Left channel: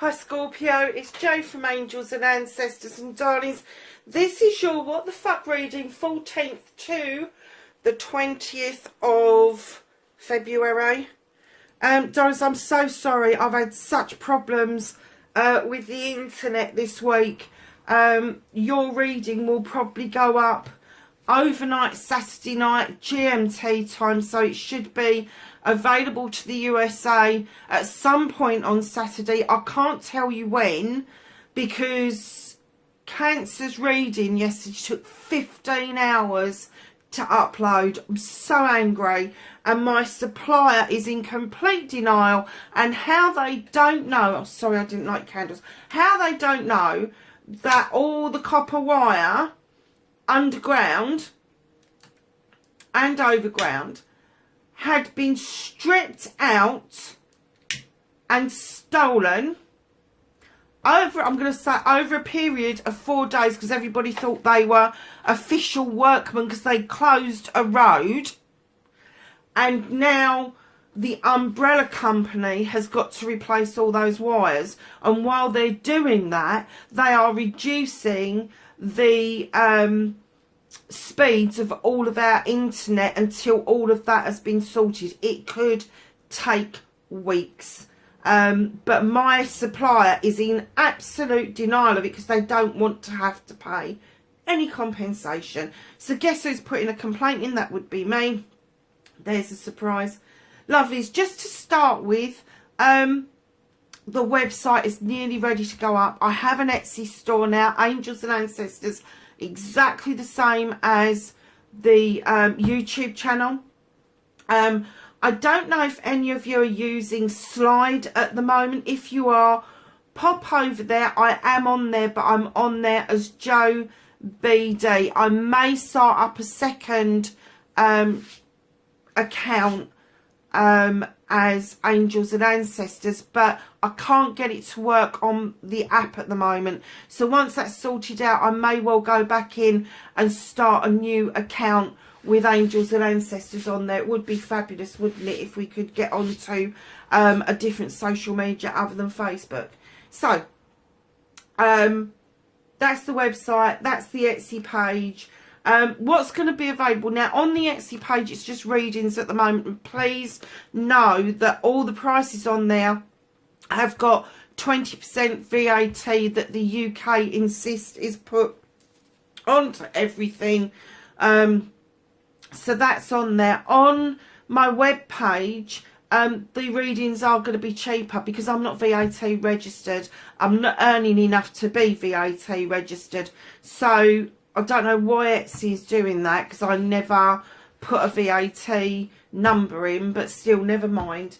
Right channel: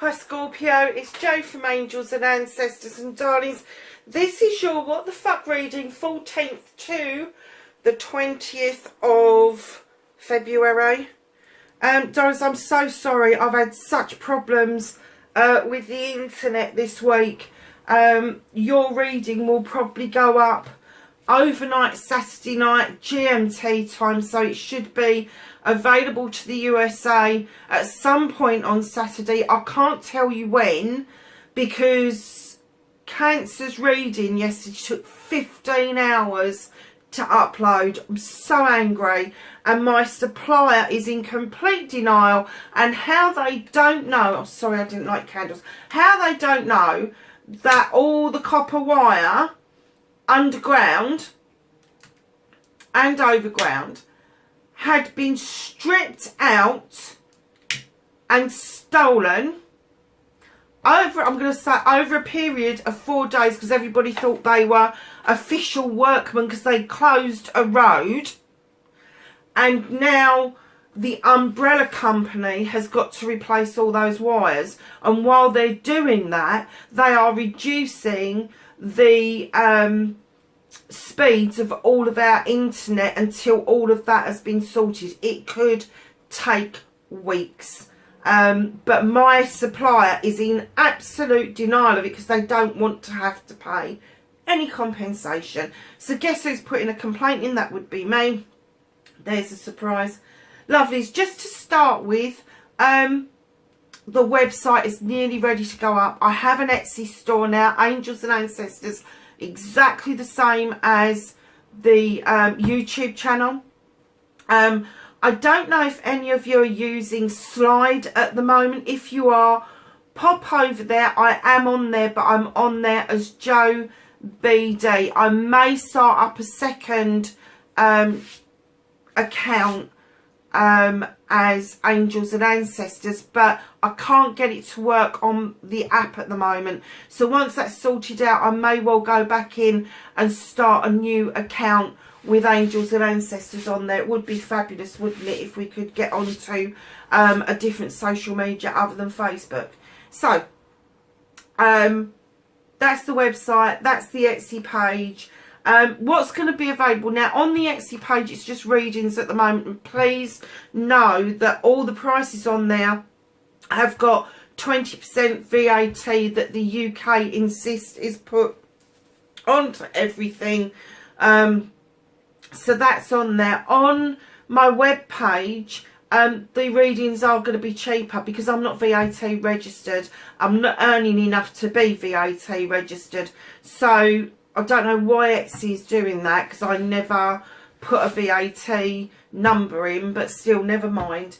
Hi Scorpio, it's Jo from Angels and Ancestors and Darlings. This is your What the Fuck reading, 14th to the 20th of February. Darlings, I'm so sorry. I've had such problems with the internet this week. Your reading will probably go up overnight Saturday night GMT time, so it should be available to the USA at some point on Saturday. I can't tell you when, because Cancer's reading yesterday took 15 hours to upload. I'm so angry, and my supplier is in complete denial, and how they don't know, oh sorry I didn't like candles, how they don't know that all the copper wire underground and overground had been stripped out and stolen over, I'm going to say, over a period of 4 days, because everybody thought they were official workmen because they closed a road. And now the umbrella company has got to replace all those wires, and while they're doing that, they are reducing the speeds of all of our internet until all of that has been sorted. It could take weeks, but my supplier is in absolute denial of it because they don't want to have to pay any compensation. So guess who's putting a complaint in? That would be me. There's a surprise. Lovelies, just to start with, the website is nearly ready to go up. I have an Etsy store now, Angels and Ancestors, exactly the same as the YouTube channel. I don't know if any of you are using Slide at the moment. If you are, pop over there. I am on there, but I'm on there as Jo BD. I may start up a second account as Angels and Ancestors, but I can't get it to work on the app at the moment. So once that's sorted out, I may well go back in and start a new account with Angels and Ancestors on there. It would be fabulous, wouldn't it, if we could get onto a different social media other than Facebook. So that's the website, that's the Etsy page. What's going to be available now on the Etsy page, it's just readings at the moment, and please know that all the prices on there have got 20% VAT that the UK insists is put onto everything. So that's on there. On my web page, the readings are going to be cheaper because I'm not VAT registered. I'm not earning enough to be VAT registered, so I don't know why Etsy is doing that, because I never put a VAT number in, but still, never mind.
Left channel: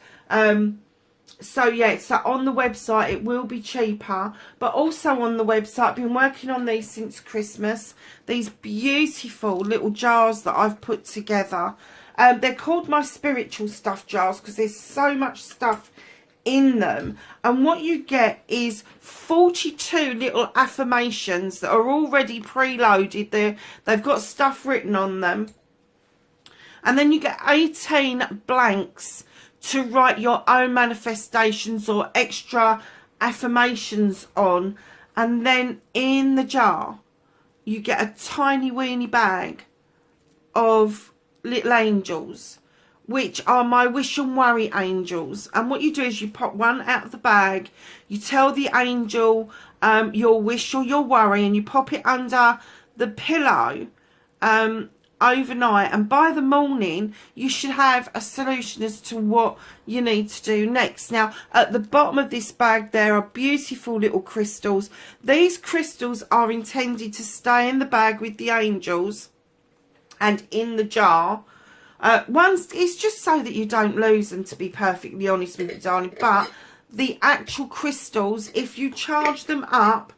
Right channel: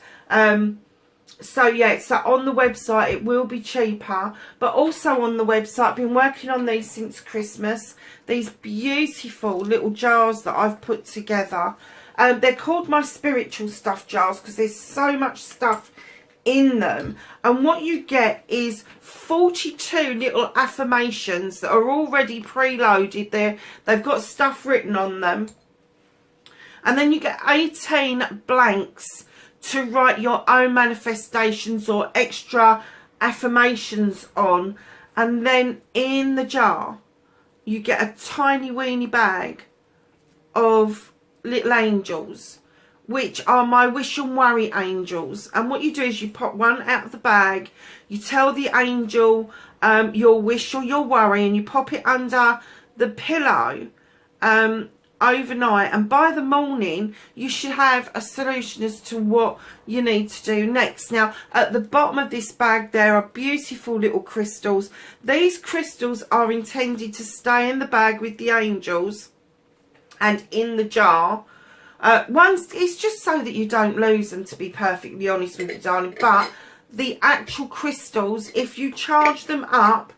So yeah, so on the website it will be cheaper, but also on the website, I've been working on these since Christmas, these beautiful little jars that I've put together. They're called my spiritual stuff jars because there's so much stuff in them, and what you get is 42 little affirmations that are already preloaded there. They've got stuff written on them, and then you get 18 blanks to write your own manifestations or extra affirmations on, and then in the jar you get a tiny weeny bag of little angels, which are my wish and worry angels. And what you do is you pop one out of the bag, you tell the angel your wish or your worry, and you pop it under the pillow overnight, and by the morning you should have a solution as to what you need to do next. Now at the bottom of this bag there are beautiful little crystals. These crystals are intended to stay in the bag with the angels and in the jar. It's just so that you don't lose them, to be perfectly honest with you, darling. But the actual crystals, if you charge them up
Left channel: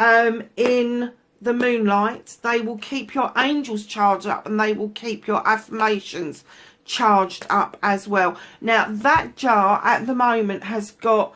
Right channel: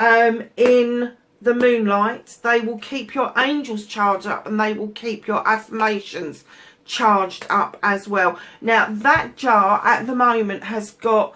in the moonlight, they will keep your angels charged up, and they will keep your affirmations charged up as well. Now that jar at the moment has got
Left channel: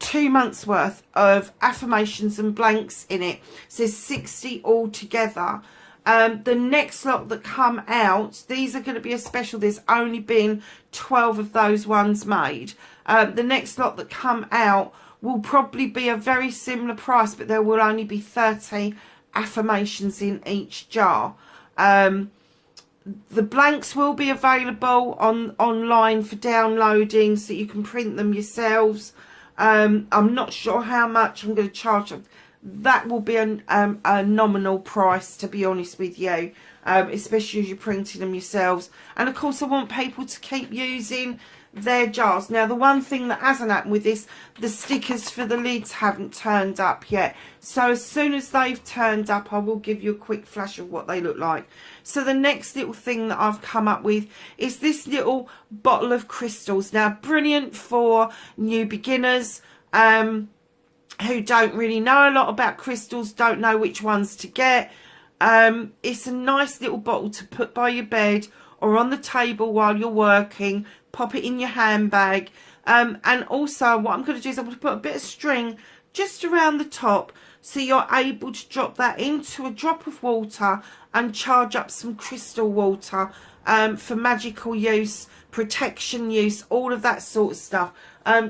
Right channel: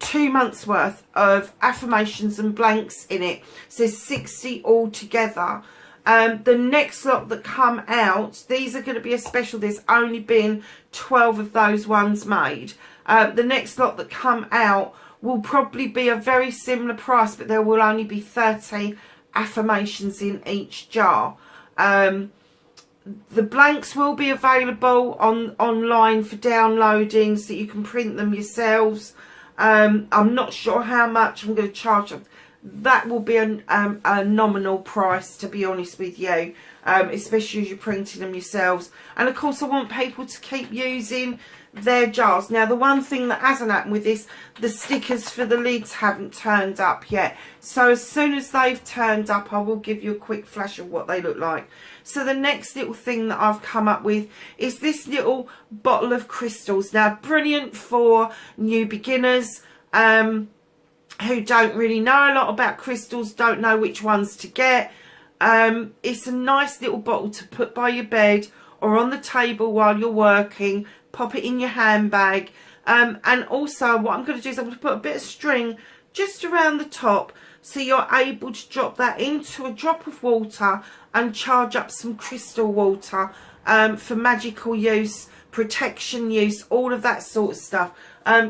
2 months worth of affirmations and blanks in it, so there's 60 altogether. The next lot that come out, these are going to be a special. There's only been 12 of those ones made. The next lot that come out will probably be a very similar price, but there will only be 30 affirmations in each jar. The blanks will be available online for downloading, so you can print them yourselves. I'm not sure how much I'm going to charge them. That will be a nominal price, to be honest with you, especially as you're printing them yourselves. And of course I want people to keep using their jars. Now the one thing that hasn't happened with this, the stickers for the lids haven't turned up yet. So as soon as they've turned up, I will give you a quick flash of what they look like. So the next little thing that I've come up with is this little bottle of crystals. Now brilliant for new beginners who don't really know a lot about crystals, don't know which ones to get. It's a nice little bottle to put by your bed or on the table while you're working. Pop it in your handbag. And also what I'm going to do is I'm going to put a bit of string just around the top, so you're able to drop that into a drop of water and charge up some crystal water for magical use, protection use, all of that sort of stuff.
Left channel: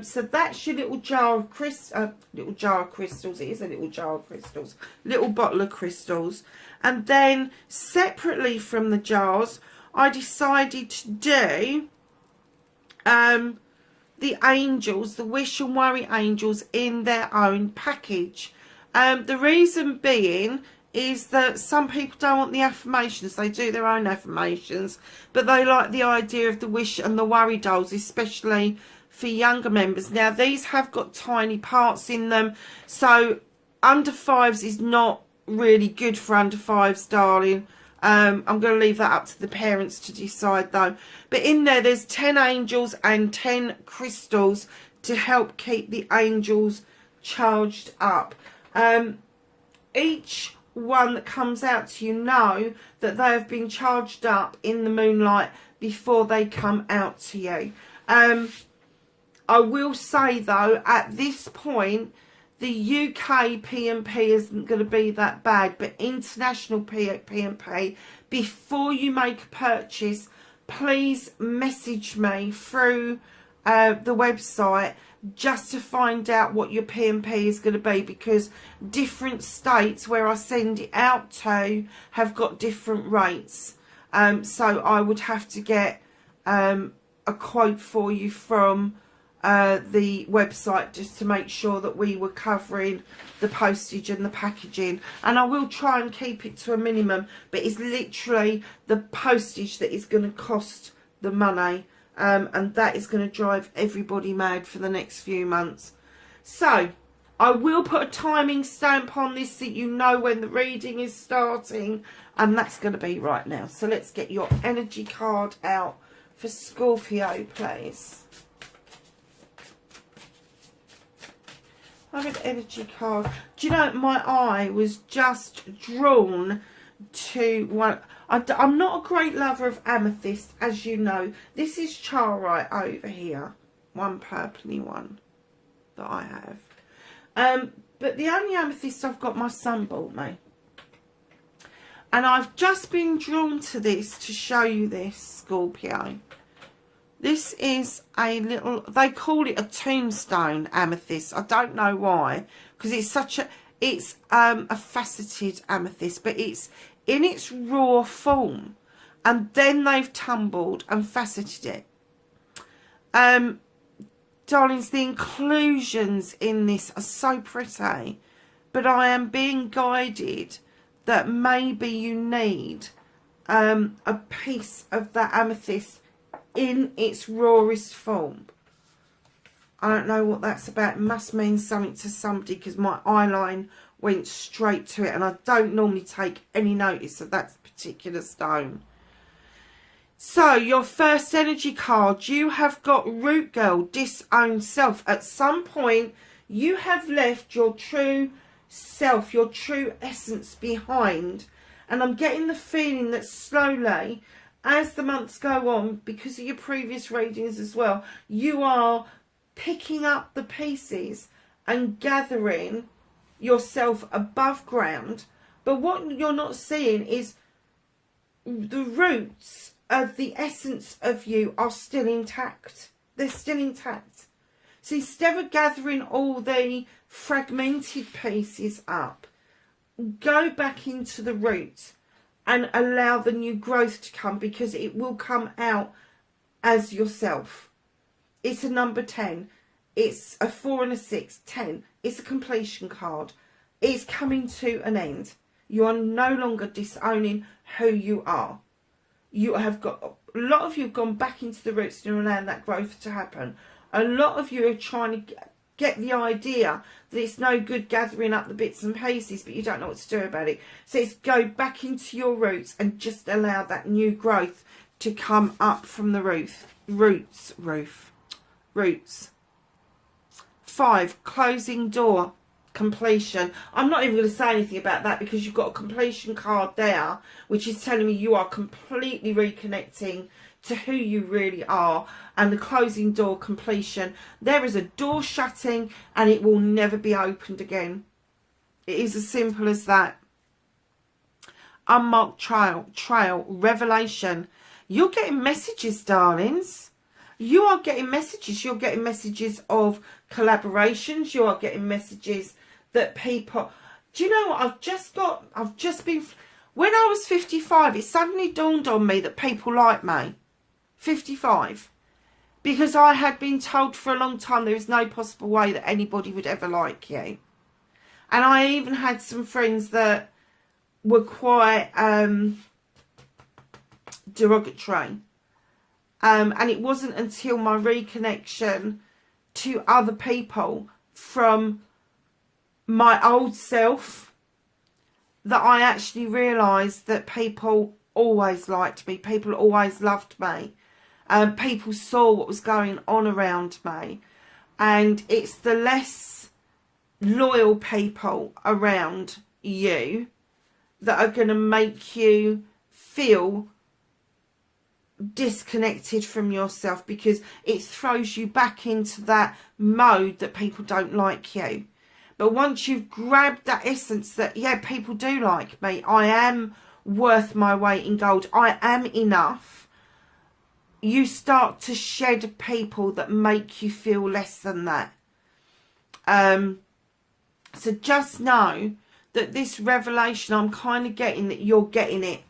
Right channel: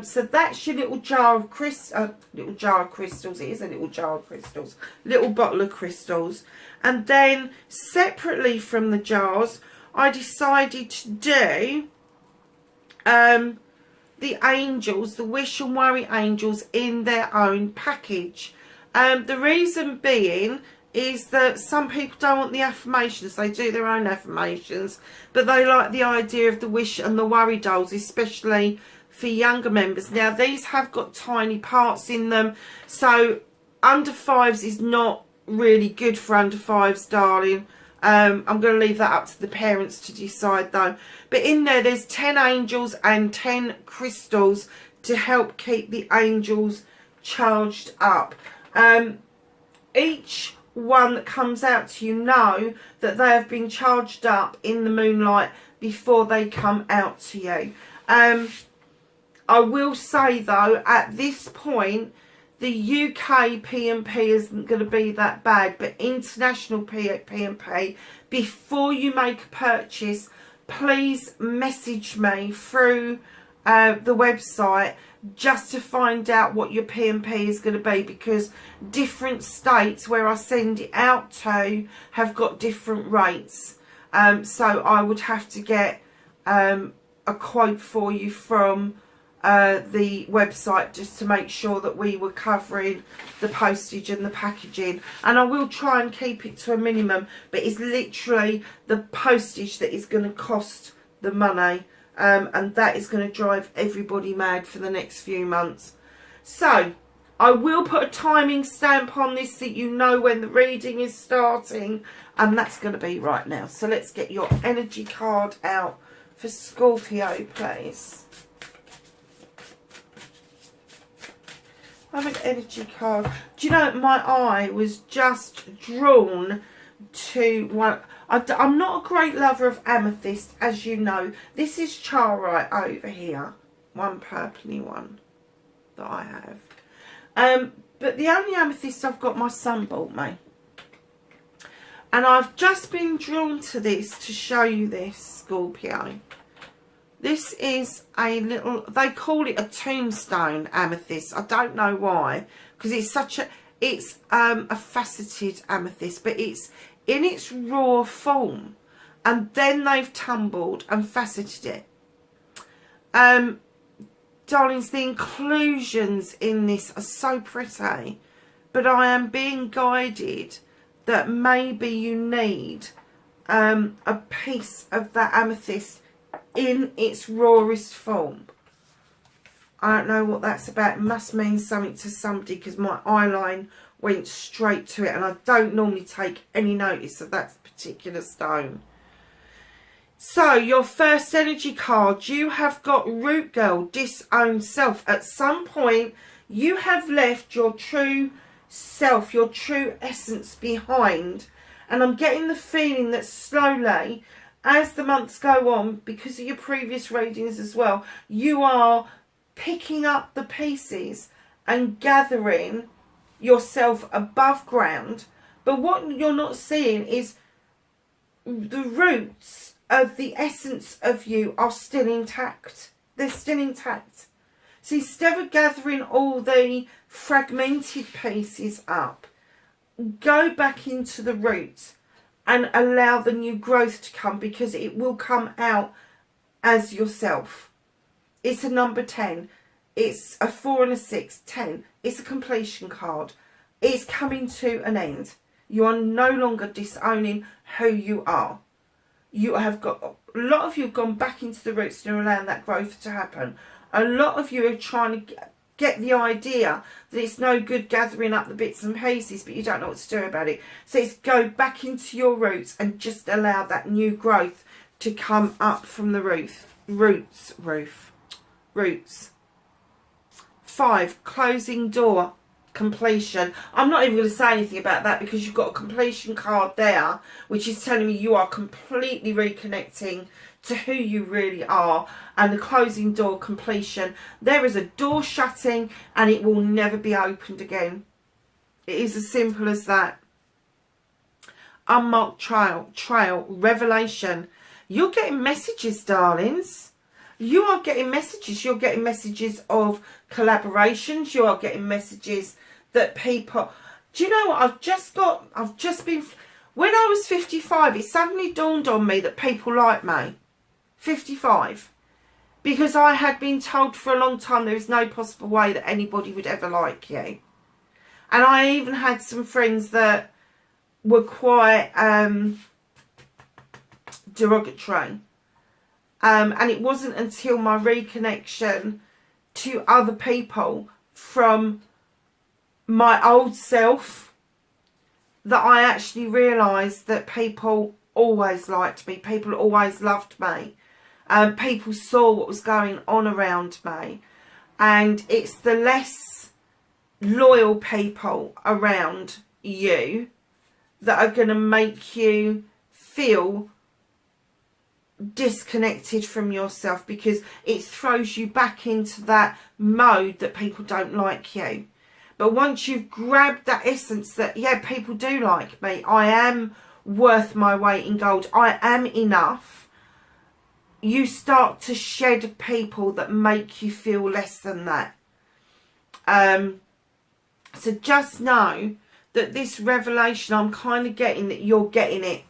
So that's your little jar of crystals. It is a little jar of crystals, little bottle of crystals. And then separately from the jars, I decided to do the angels, the Wish and Worry angels, in their own package. The reason being is that some people don't want the affirmations. They do their own affirmations, but they like the idea of the Wish and the Worry dolls, especially for younger members. Now these have got tiny parts in them, so under 5s is not really good for under 5s, darling. I'm going to leave that up to the parents to decide though. But in there's 10 angels and 10 crystals to help keep the angels charged up. Each one that comes out to you know that they have been charged up in the moonlight before they come out to you. I will say though, at this point, the UK P&P isn't going to be that bad, but international P&P, before you make a purchase, please message me through the website just to find out what your P&P is going to be, because different states where I send it out to have got different rates. So I would have to get a quote for you from the website just to make sure that we were covering the postage and the packaging. And I will try and keep it to a minimum, but it's literally the postage that is going to cost the money. And that is going to drive everybody mad for the next few months. So I will put a timing stamp on this so you know when the reading is starting, and that's going to be right now. So let's get your energy card out for Scorpio, please. I have an energy card. Do you know, my eye was just drawn to one. I'm not a great lover of amethyst, as you know. This is charite over here. One purpley one that I have. But the only amethyst I've got, my son bought me. And I've just been drawn to this to show you this, Scorpio. This is a little, they call it a tombstone amethyst. I don't know why, because it's such a, it's a faceted amethyst, but it's in its raw form, and then they've tumbled and faceted it. Darlings, the inclusions in this are so pretty, but I am being guided that maybe you need a piece of that amethyst in its rawest form. I don't know what that's about. It must mean something to somebody, because my eye line went straight to it, and I don't normally take any notice of that particular stone. So your first energy card, you have got Root Girl, Disowned Self. At some point you have left your true self, your true essence behind, and I'm getting the feeling that slowly, as the months go on, because of your previous readings as well, you are picking up the pieces and gathering yourself above ground. But what you're not seeing is the roots of the essence of you are still intact. They're still intact. So instead of gathering all the fragmented pieces up, go back into the roots and allow the new growth to come, because it will come out as yourself. It's a number 10. It's a 4 and a 6. 10. It's a completion card. It's coming to an end. You are no longer disowning who you are. You have got, a lot of you have gone back into the roots and allowing that growth to happen. A lot of you are trying to get the idea that it's no good gathering up the bits and pieces, but you don't know what to do about it. So it's go back into your roots and just allow that new growth to come up from the roots. 5, closing door, completion. I'm not even going to say anything about that, because you've got a completion card there, which is telling me you are completely reconnecting to who you really are. And the closing door, completion. There is a door shutting and it will never be opened again. It is as simple as that. Unmarked trail, revelation. You're getting messages, darlings. You are getting messages. You're getting messages of collaborations. You are getting messages that people... Do you know what? I've just been... When I was 55, it suddenly dawned on me that people like me. 55. Because I had been told for a long time there is no possible way that anybody would ever like you. And I even had some friends that were quite derogatory. And it wasn't until my reconnection to other people from my old self that I actually realised that people always liked me. People always loved me. People saw what was going on around me. And it's the less loyal people around you that are going to make you feel disconnected from yourself, because it throws you back into that mode that people don't like you. But once you've grabbed that essence that, yeah, people do like me, I am worth my weight in gold, I am enough, you start to shed people that make you feel less than that. So just know that this revelation, I'm kind of getting that you're getting it.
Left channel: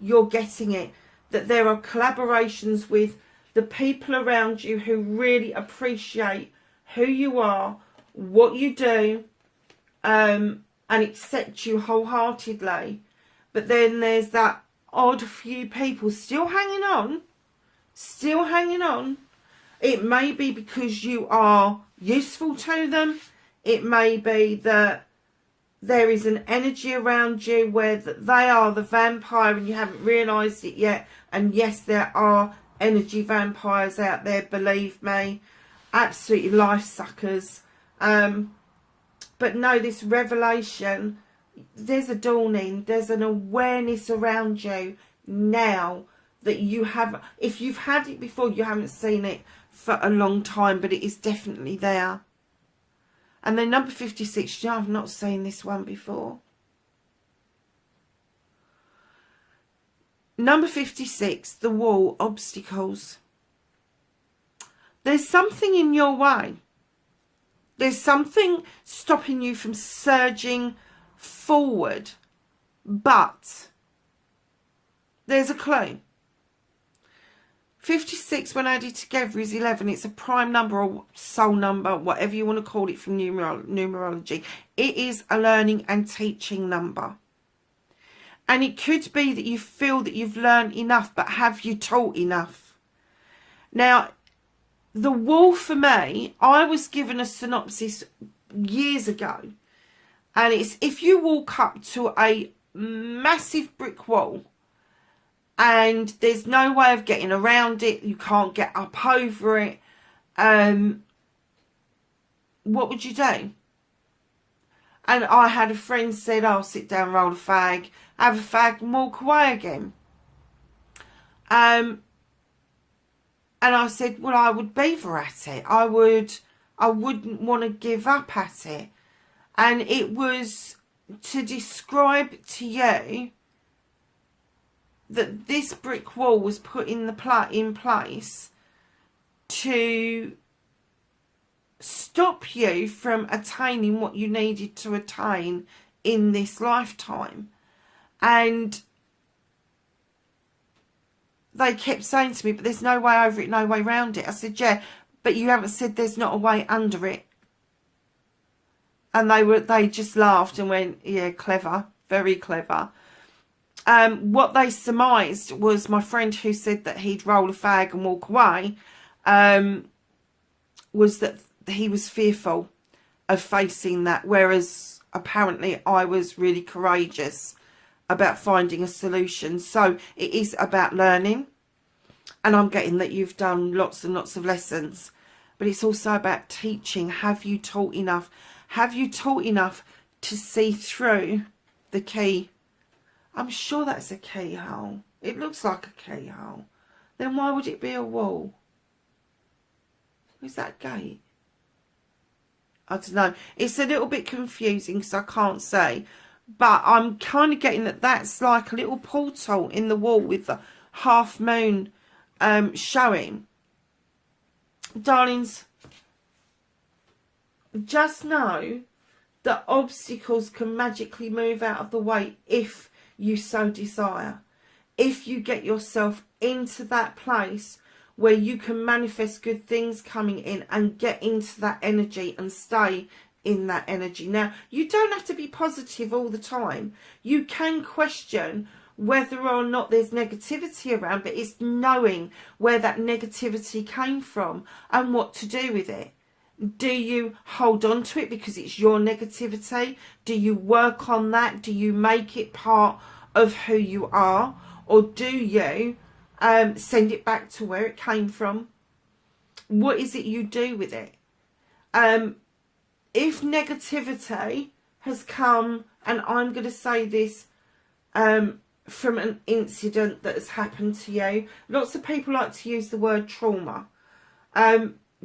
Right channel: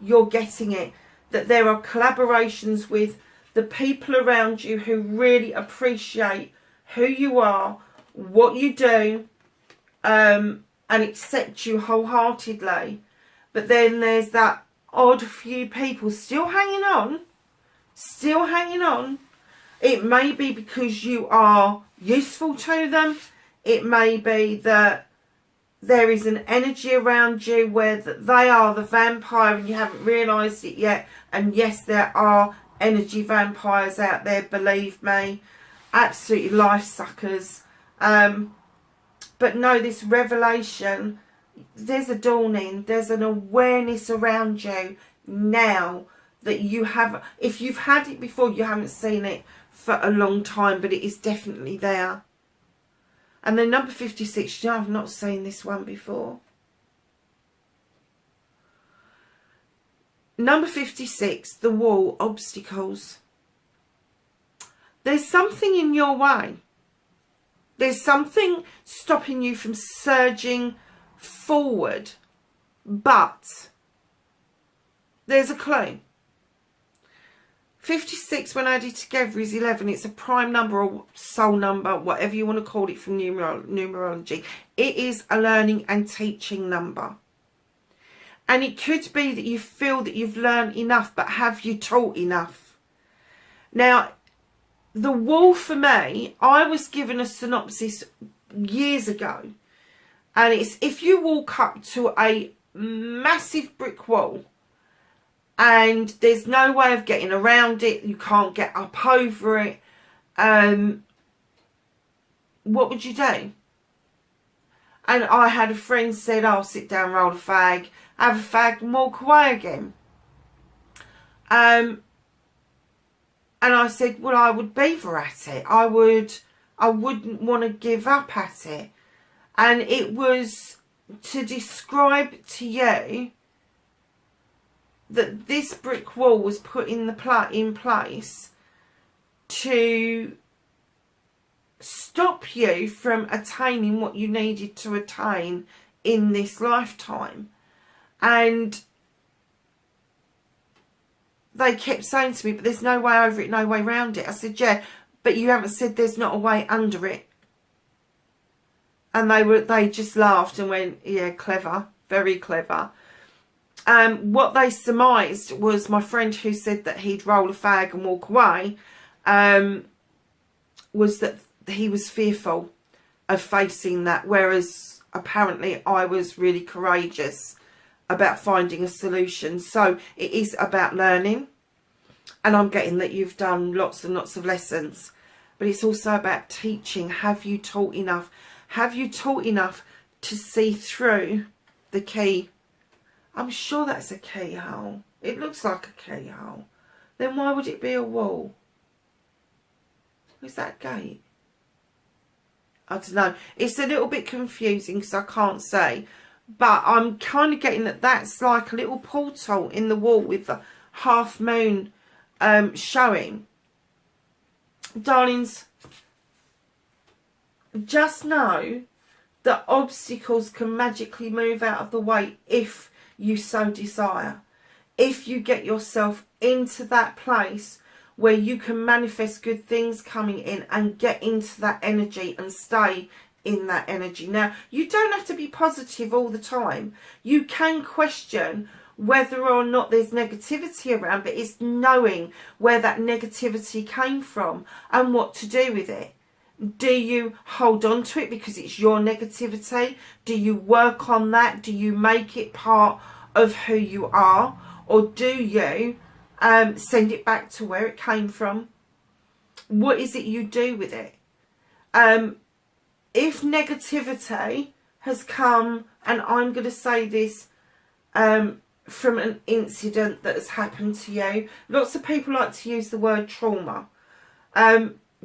You're getting it. That there are collaborations with the people around you who really appreciate who you are, what you do, and accept you wholeheartedly. But then there's that odd few people still hanging on. Still hanging on. It may be because you are useful to them. It may be that there is an energy around you where that they are the vampire and you haven't realised it yet. And yes, there are energy vampires out there, believe me. Absolutely life suckers. But no, this revelation, there's a dawning. There's an awareness around you now that you have. If you've had it before, you haven't seen it for a long time, but it is definitely there. And then number 56, you know, I've not seen this one before. Number 56, the wall, obstacles. There's something in your way. There's something stopping you from surging forward. But there's a clue. 56 when added together is 11. It's a prime number or soul number, whatever you want to call it from numerology. It is a learning and teaching number. And it could be that you feel that you've learned enough, but have you taught enough? Now, the wall for me, I was given a synopsis years ago. And it's if you walk up to a massive brick wall, and there's no way of getting around it, you can't get up over it, what would you do? And I had a friend said, "I'll sit down, roll a fag, have a fag and walk away again." And I said, well, I would beaver at it. I wouldn't want to give up at it. And it was to describe to you that this brick wall was put in place to stop you from attaining what you needed to attain in this lifetime. And they kept saying to me, but there's no way over it, no way around it. I said, yeah, but you haven't said there's not a way under it. And they just laughed and went, yeah, clever, very clever. What they surmised was my friend who said that he'd roll a fag and walk away, was that he was fearful of facing that, whereas apparently I was really courageous about finding a solution. So it is about learning, and I'm getting that you've done lots and lots of lessons, but it's also about teaching. Have you taught enough? Have you taught enough to see through the key? I'm sure that's a keyhole. It looks like a keyhole. Then why would it be a wall? Is that a gate? I don't know. It's a little bit confusing because I can't say. But I'm kind of getting that that's like a little portal in the wall with the half moon showing. Darlings, just know that obstacles can magically move out of the way if you so desire. If you get yourself into that place where you can manifest good things coming in and get into that energy and stay in that energy. Now, you don't have to be positive all the time. You can question whether or not there's negativity around, but it's knowing where that negativity came from and what to do with it. Do you hold on to it because it's your negativity? Do you work on that? Do you make it part of who you are? Or do you send it back to where it came from? What is it you do with it? If negativity has come, and I'm going to say this from an incident that has happened to you. Lots of people like to use the word trauma.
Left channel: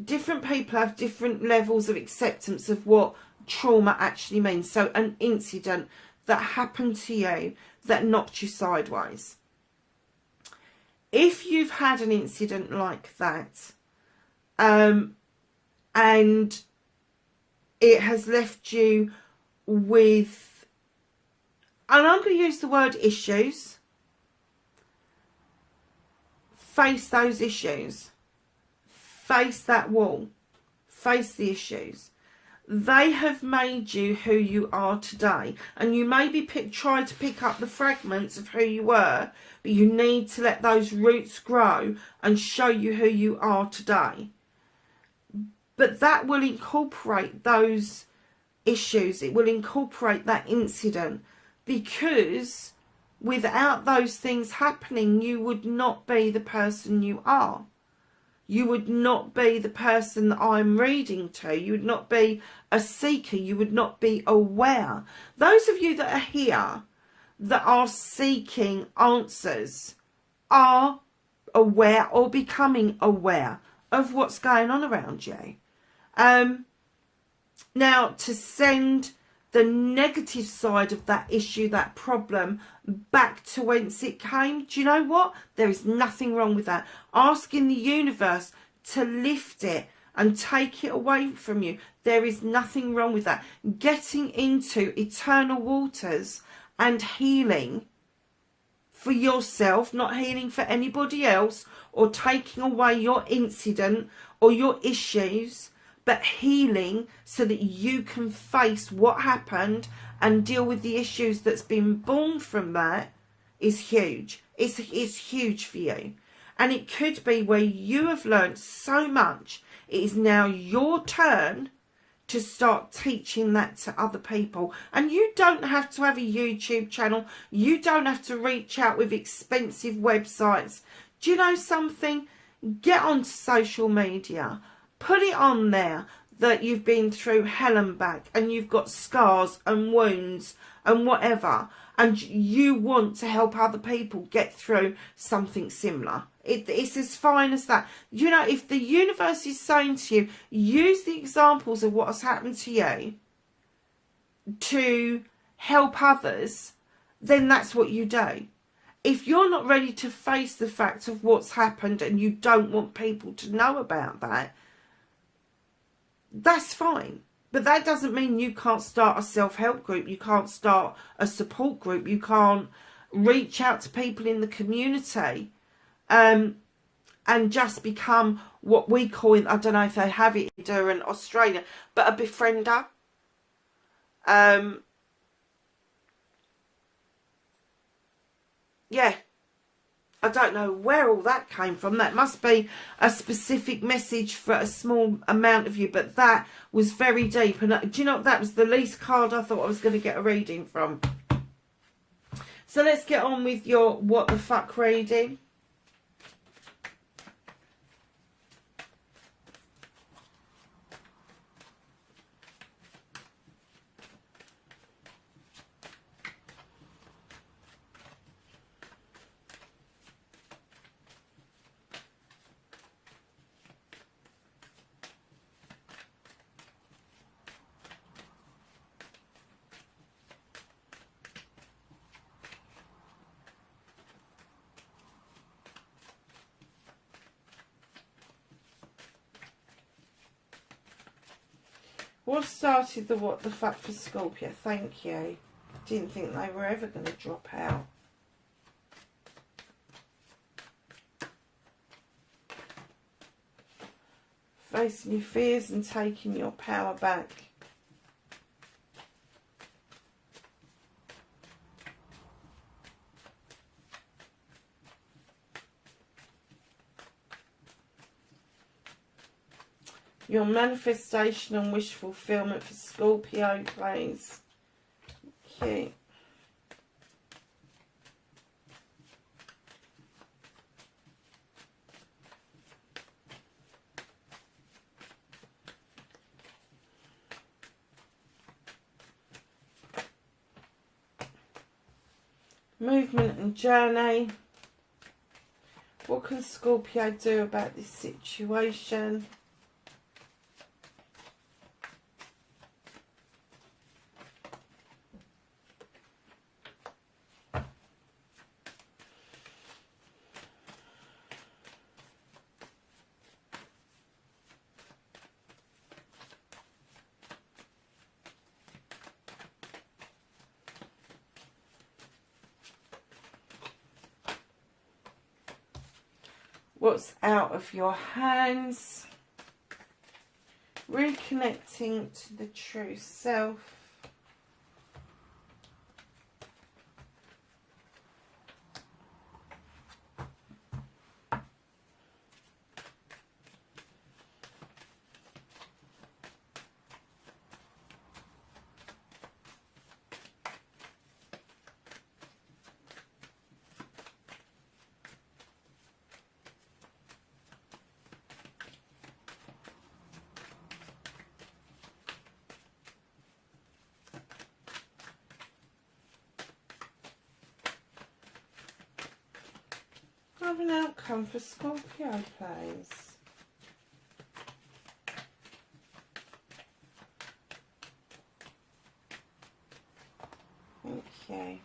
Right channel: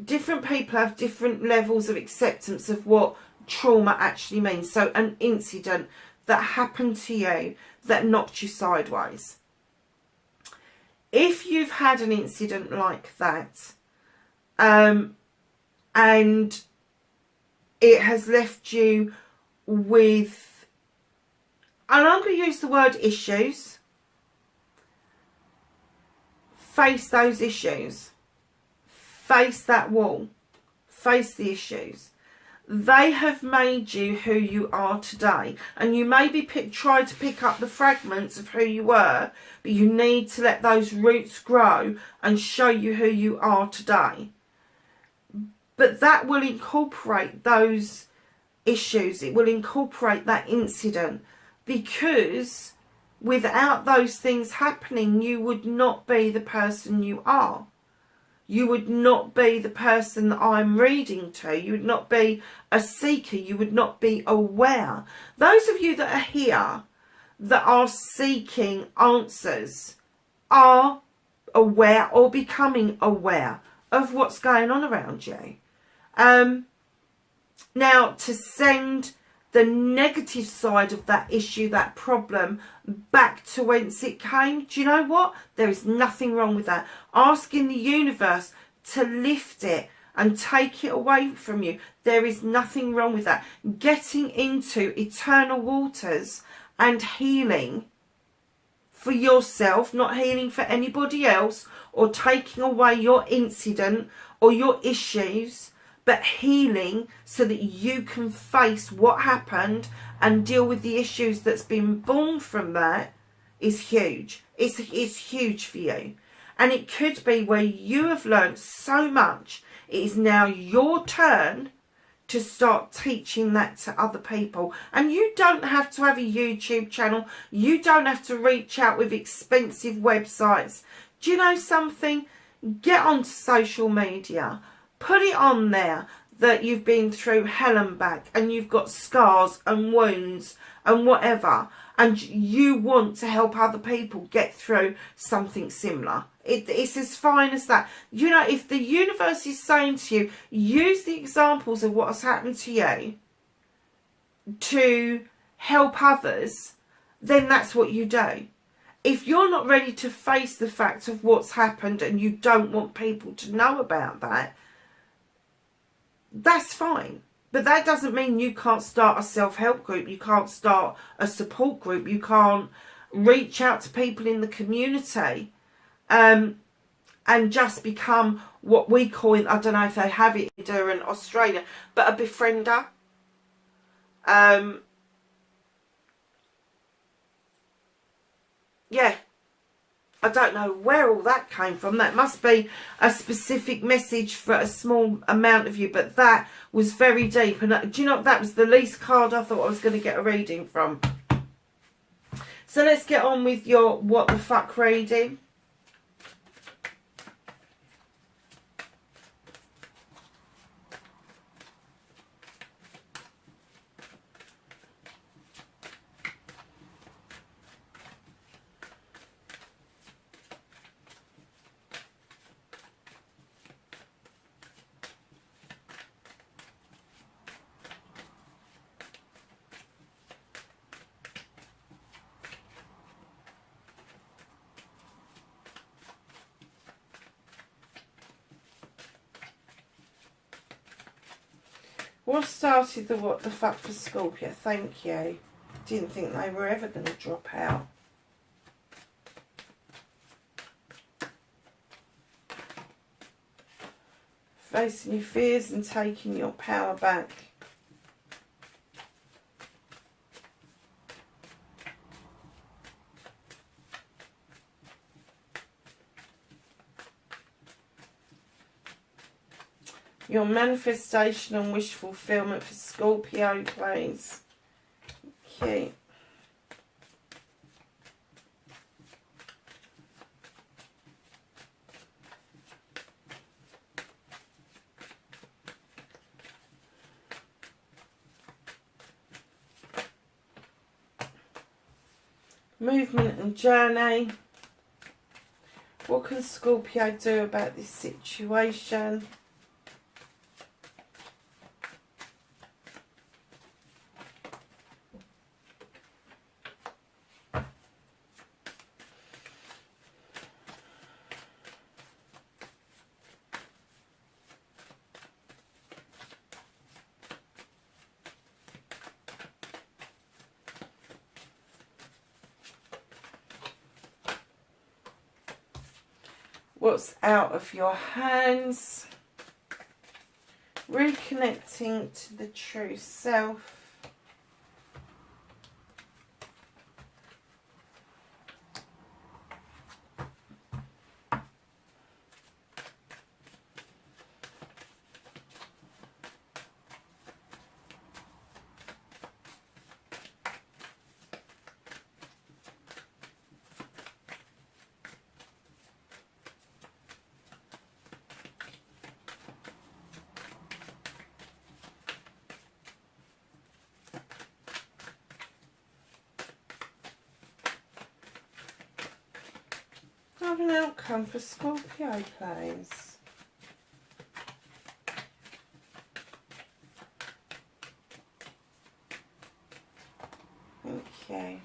Different people have different levels of acceptance of what trauma actually means. So an incident that happened to you that knocked you sideways. If you've had an incident like that, and it has left you with, and I'm going to use the word issues, face those issues. Face that wall. Face the issues. They have made you who you are today. And you maybe try to pick up the fragments of who you were, but you need to let those roots grow and show you who you are today. But that will incorporate those issues. It will incorporate that incident, because without those things happening, you would not be the person you are. You would not be the person that I'm reading to. You would not be a seeker. You would not be aware. Those of you that are here that are seeking answers are aware or becoming aware of what's going on around you. Now, to send the negative side of that issue, that problem, back to whence it came, do you know what? There is nothing wrong with that. Asking the universe to lift it and take it away from you, there is nothing wrong with that. Getting into eternal waters and healing for yourself, not healing for anybody else, or taking away your incident or your issues, but healing so that you can face what happened and deal with the issues that's been born from that, is huge. It's huge for you. And it could be where you have learned so much, it is now your turn to start teaching that to other people. And you don't have to have a YouTube channel. You don't have to reach out with expensive websites. Do you know something? Get onto social media. Put it on there that you've been through hell and back and you've got scars and wounds and whatever, and you want to help other people get through something similar. It's as fine as that. You know, if the universe is saying to you, use the examples of what has happened to you to help others, then that's what you do. If you're not ready to face the fact of what's happened and you don't want people to know about that, that's fine. But that doesn't mean you can't start a self-help group. You can't start a support group. You can't reach out to people in the community and just become what we call, I don't know if they have it in Australia, but a befriender. Yeah. I don't know where all that came from. That must be a specific message for a small amount of you, but that was very deep. And do you know what? That was the least card I thought I was going to get a reading from. So let's get on with your what the fuck reading. What started the what the fuck for Scorpio? Thank you. Didn't think they were ever going to drop out. Facing your fears and taking your power back. Your manifestation and wish fulfillment for Scorpio, please. Okay. Movement and journey. What can Scorpio do about this situation? What's out of your hands? Reconnecting to the true self. Have an outcome for Scorpio, please. Thank you.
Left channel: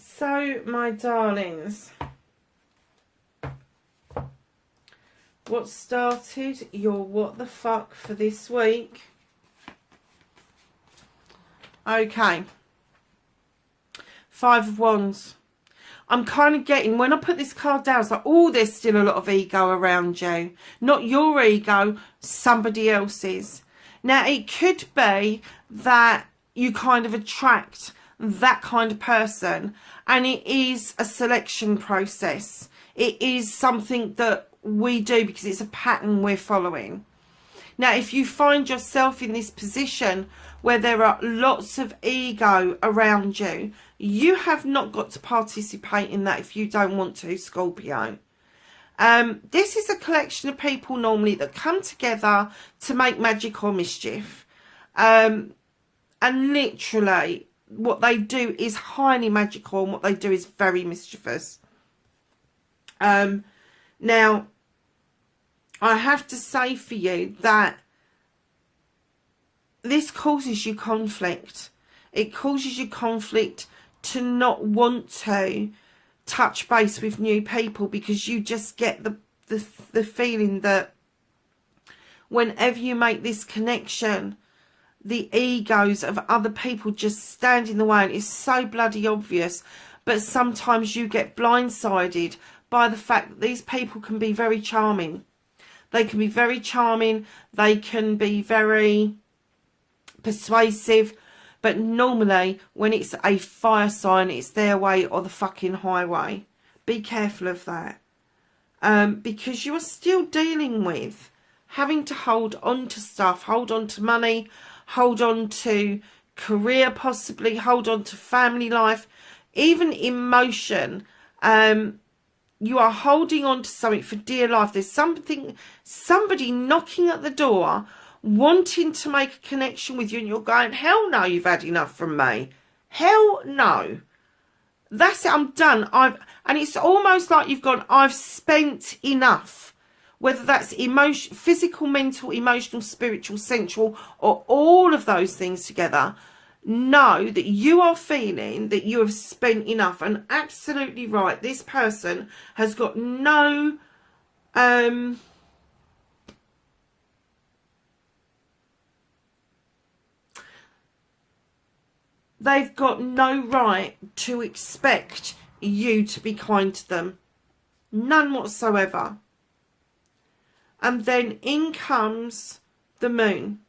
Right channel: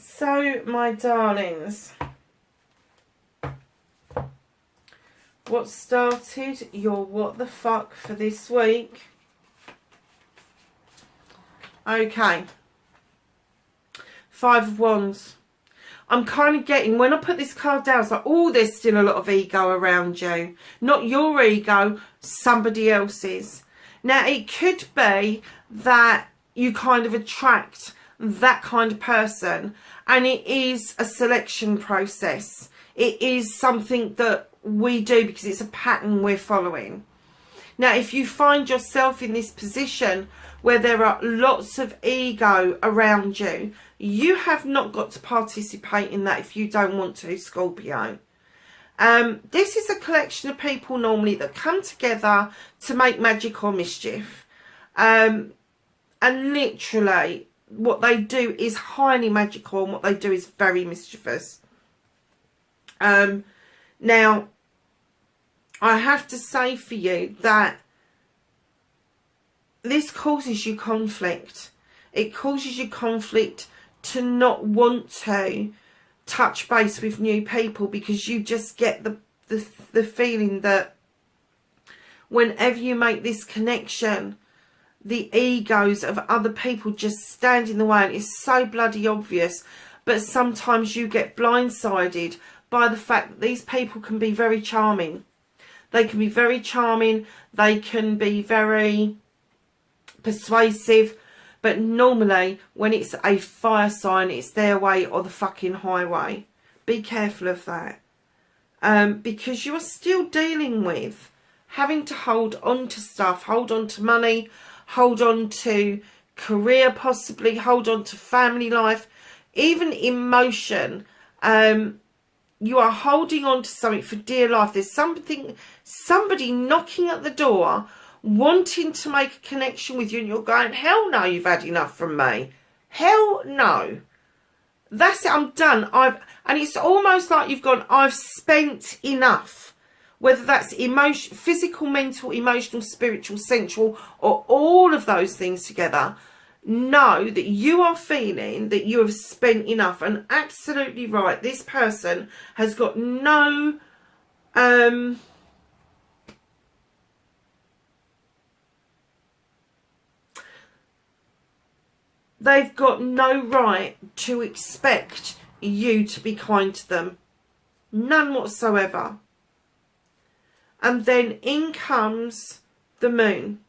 So, my darlings, what started your what the fuck for this week? Okay, Five of Wands. I'm kind of getting, when I put this card down, it's like, oh, there's still a lot of ego around you. Not your ego, somebody else's. Now, it could be that you kind of attract that kind of person, and it is a selection process. It is something that we do because it's a pattern we're following. Now, if you find yourself in this position where there are lots of ego around you, you have not got to participate in that if you don't want to, Scorpio. This is a collection of people normally that come together to make magic or mischief. And literally, what they do is highly magical and what they do is very mischievous. Now, I have to say for you that this causes you conflict. It causes you conflict to not want to touch base with new people, because you just get the feeling that whenever you make this connection, the egos of other people just stand in the way, and it's so bloody obvious. But sometimes you get blindsided by the fact that these people can be very charming. They can be very charming, they can be very persuasive, but normally when it's a fire sign, it's their way or the fucking highway. Be careful of that, because you're still dealing with having to hold on to stuff, hold on to money, hold on to career, possibly hold on to family life, even emotion. You are holding on to something for dear life. There's somebody knocking at the door, wanting to make a connection with you, and you're going, hell no, you've had enough from me. Hell no. That's it, I'm done. And it's almost like you've gone, I've spent enough. Whether that's physical, mental, emotional, spiritual, sensual, or all of those things together. Know that you are feeling that you have spent enough, and absolutely right, this person has got no they've got no right to expect you to be kind to them, none whatsoever. And then in comes the moon,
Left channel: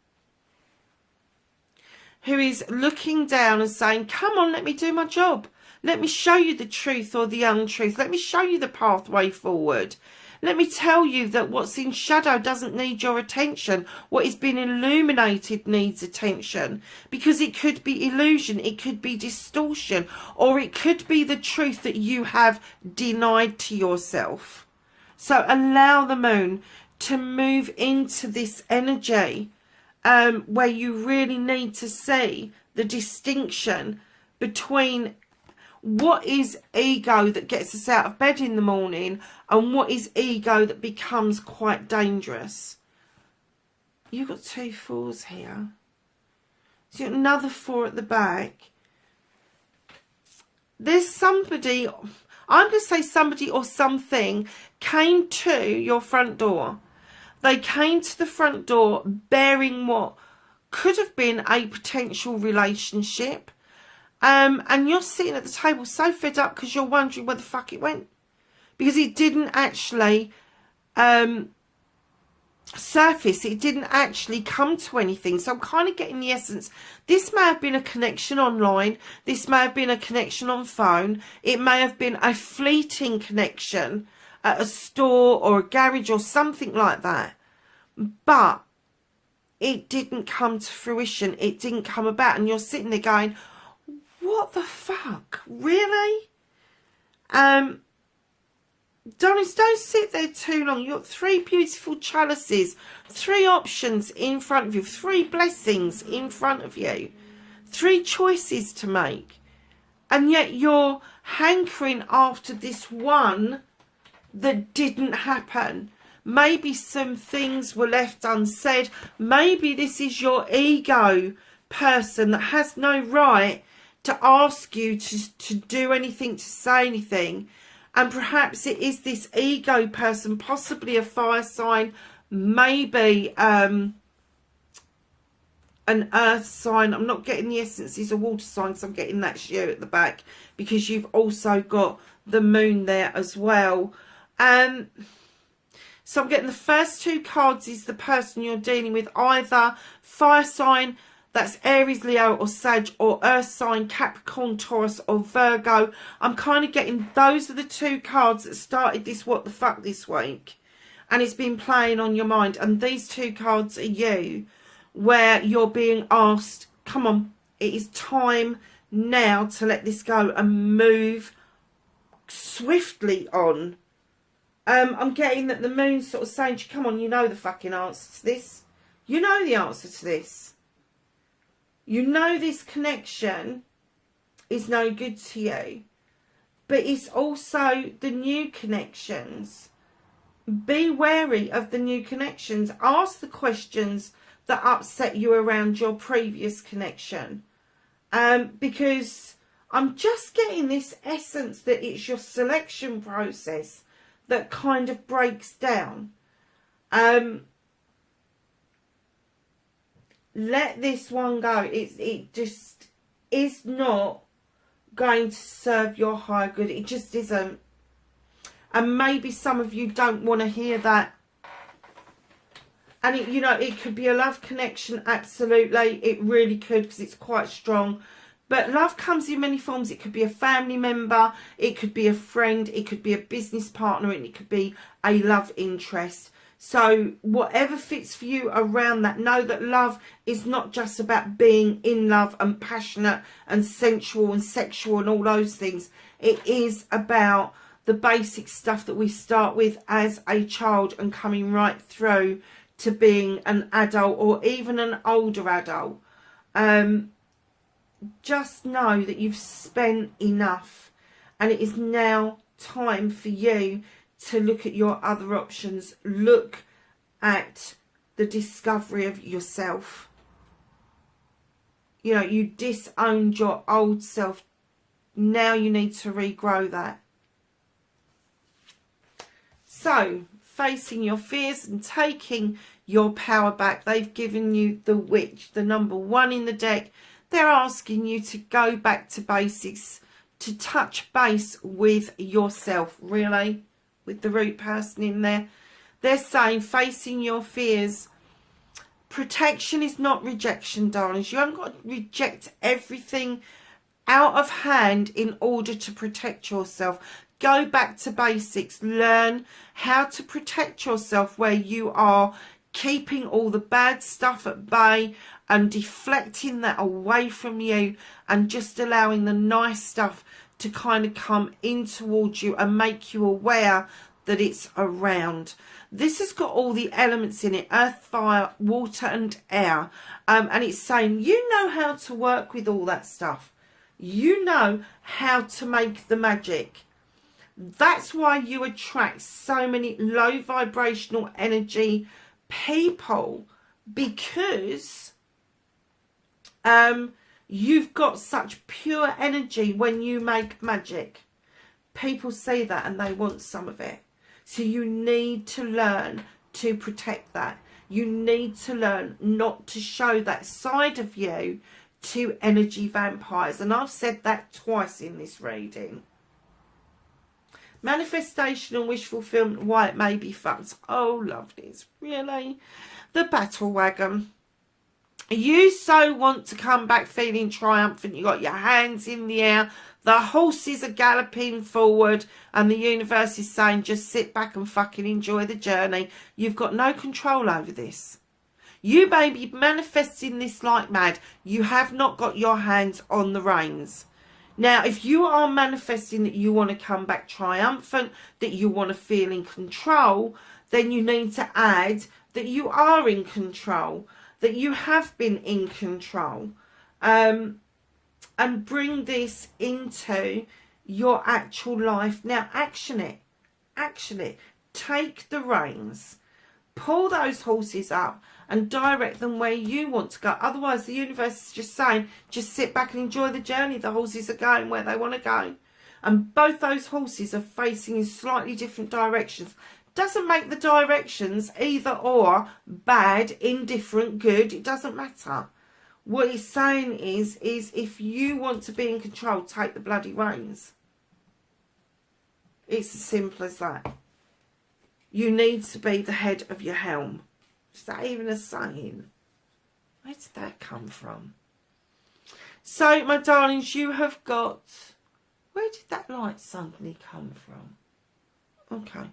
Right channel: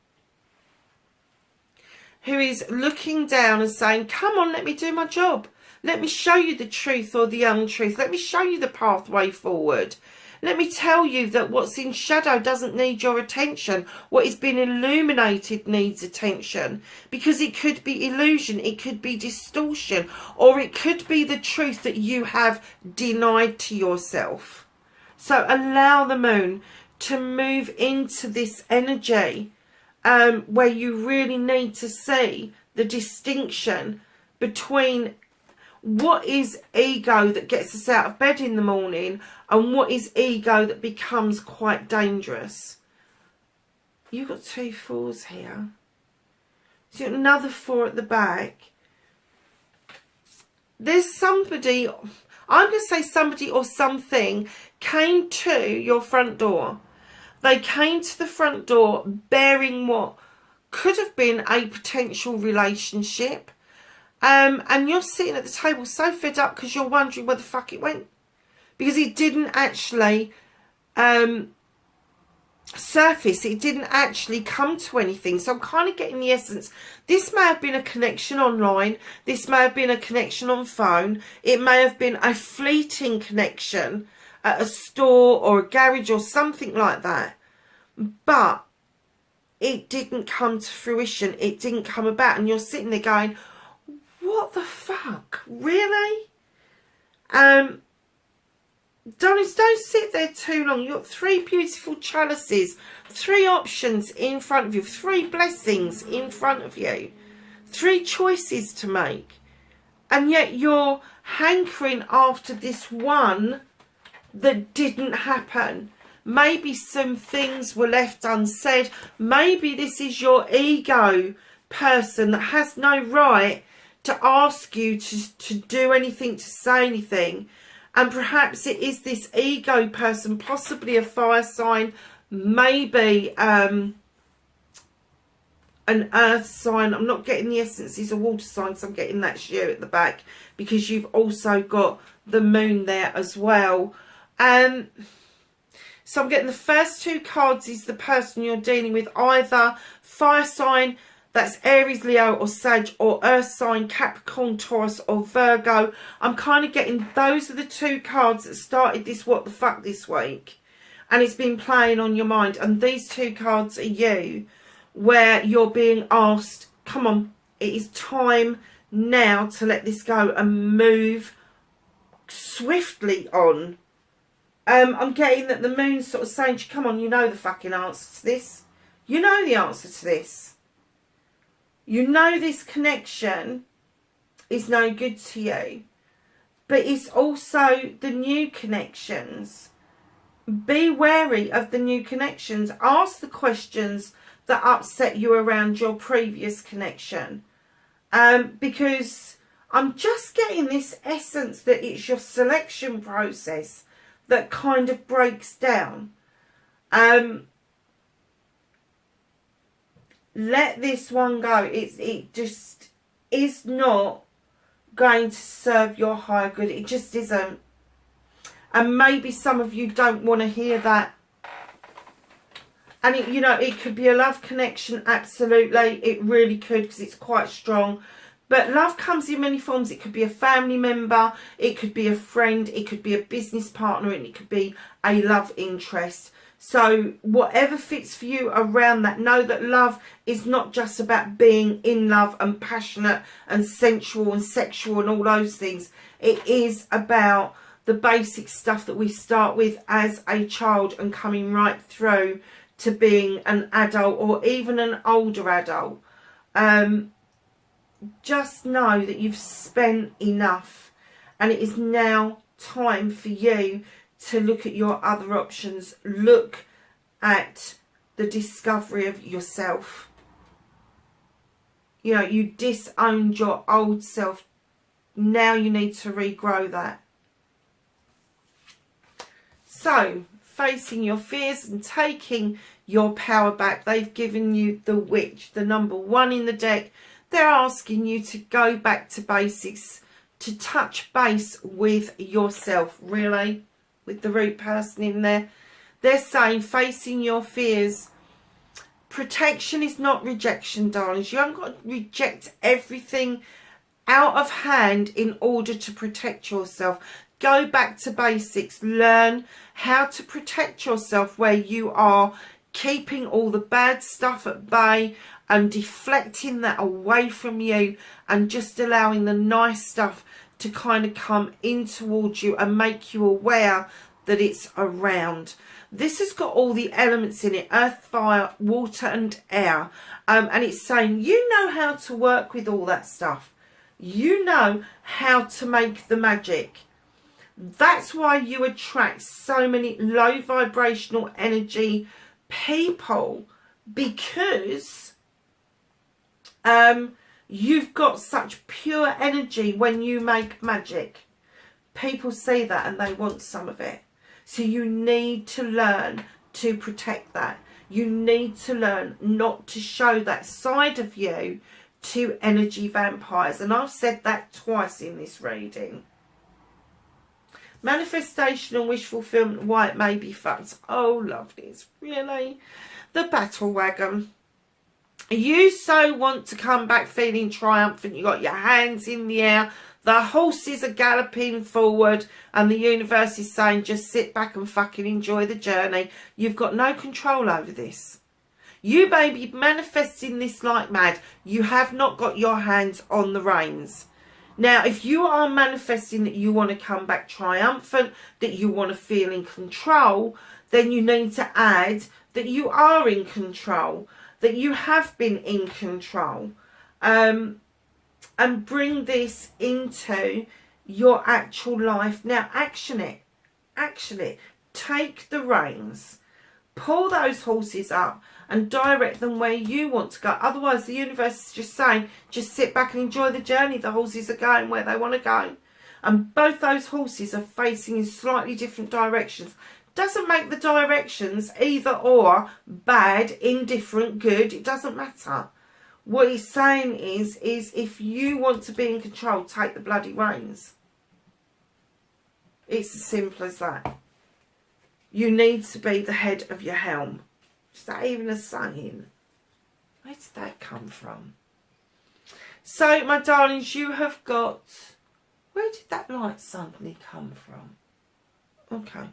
who is looking down and saying, come on, let me do my job. Let me show you the truth or the untruth. Let me show you the pathway forward. Let me tell you that what's in shadow doesn't need your attention. What is being illuminated needs attention. Because it could be illusion, it could be distortion, or it could be the truth that you have denied to yourself. So allow the moon to move into this energy, where you really need to see the distinction between what is ego that gets us out of bed in the morning and what is ego that becomes quite dangerous. You've got 2 4s here. So you've got another 4 at the back. There's somebody, I'm going to say somebody or something came to your front door. They came to the front door bearing what could have been a potential relationship. And you're sitting at the table so fed up because you're wondering where the fuck it went. Because it didn't actually surface. It didn't actually come to anything. So I'm kind of getting the essence. This may have been a connection online. This may have been a connection on phone. It may have been a fleeting connection at a store or a garage or something like that. But it didn't come to fruition. It didn't come about. And you're sitting there going, what the fuck? Really? Don't sit there too long. You've got 3 beautiful chalices, 3 options in front of you, 3 blessings in front of you, 3 choices to make. And yet you're hankering after this one that didn't happen. Maybe some things were left unsaid. Maybe this is your ego person that has no right to ask you to do anything, to say anything. And perhaps it is this ego person, possibly a fire sign, maybe an earth sign. I'm not getting the essence. It's a water sign, so I'm getting that sheer at the back, because you've also got the moon there as well. So I'm getting the first 2 cards is the person you're dealing with, either fire sign, that's Aries, Leo or Sag, or earth sign, Capricorn, Taurus or Virgo. I'm kind of getting those are the 2 cards that started this what the fuck this week. And it's been playing on your mind. And these 2 cards are you, where you're being asked, come on, it is time now to let this go and move swiftly on. I'm getting that the moon's sort of saying to you, come on, you know the fucking answer to this. You know the answer to this. You know this connection is no good to you. But it's also the new connections. Be wary of the new connections. Ask the questions that upset you around your previous connection. Because I'm just getting this essence that it's your selection process that kind of breaks down. Let this one go. It just is not going to serve your higher good. It just isn't. And maybe some of you don't want to hear that. And it, you know, it could be a love connection, absolutely. It really could, because it's quite strong. But love comes in many forms. It could be a family member, it could be a friend, it could be a business partner, and it could be a love interest. So whatever fits for you around that, know that love is not just about being in love and passionate and sensual and sexual and all those things. It is about the basic stuff that we start with as a child and coming right through to being an adult or even an older adult. Just know that you've spent enough, and it is now time for you to look at your other options. Look at the discovery of yourself. You know, you disowned your old self. Now you need to regrow that. So, facing your fears and taking your power back. They've given you the Witch, the number 1 in the deck. They're asking you to go back to basics, to touch base with yourself, really, with the root person in there. They're saying facing your fears. Protection is not rejection, darlings. You haven't got to reject everything out of hand in order to protect yourself. Go back to basics. Learn how to protect yourself where you are keeping all the bad stuff at bay and deflecting that away from you and just allowing the nice stuff to kind of come in towards you and make you aware that it's around. This has got all the elements in it: earth, fire, water and air. And it's saying you know how to work with all that stuff. You know how to make the magic. That's why you attract so many low vibrational energy people, because you've got such pure energy when you make magic. People see that and they want some of it. So you need to learn to protect that. You need to learn not to show that side of you to energy vampires. And I've said that twice in this reading. Manifestation and wish fulfillment, why it may be fucked. Oh, lovelies, really? The battle wagon. You so want to come back feeling triumphant. You got your hands in the air. The horses are galloping forward. And the universe is saying, just sit back and fucking enjoy the journey. You've got no control over this. You may be manifesting this like mad. You have not got your hands on the reins. Now, if you are manifesting that you want to come back triumphant, that you want to feel in control, then you need to add that you are in control, that you have been in control, and bring this into your actual life. Now, action it. Action it. Take the reins. Pull those horses up and direct them where you want to go. Otherwise, the universe is just saying, just sit back and enjoy the journey. The horses are going where they want to go. And both those horses are facing in slightly different directions. Doesn't make the directions either or bad, indifferent, good. It doesn't matter. What he's saying is if you want to be in control, take the bloody reins. It's as simple as that. You need to be the head of your helm. Is that even a saying? Where did that come from? So, my darlings, you have got... Where did that light suddenly come from? Okay.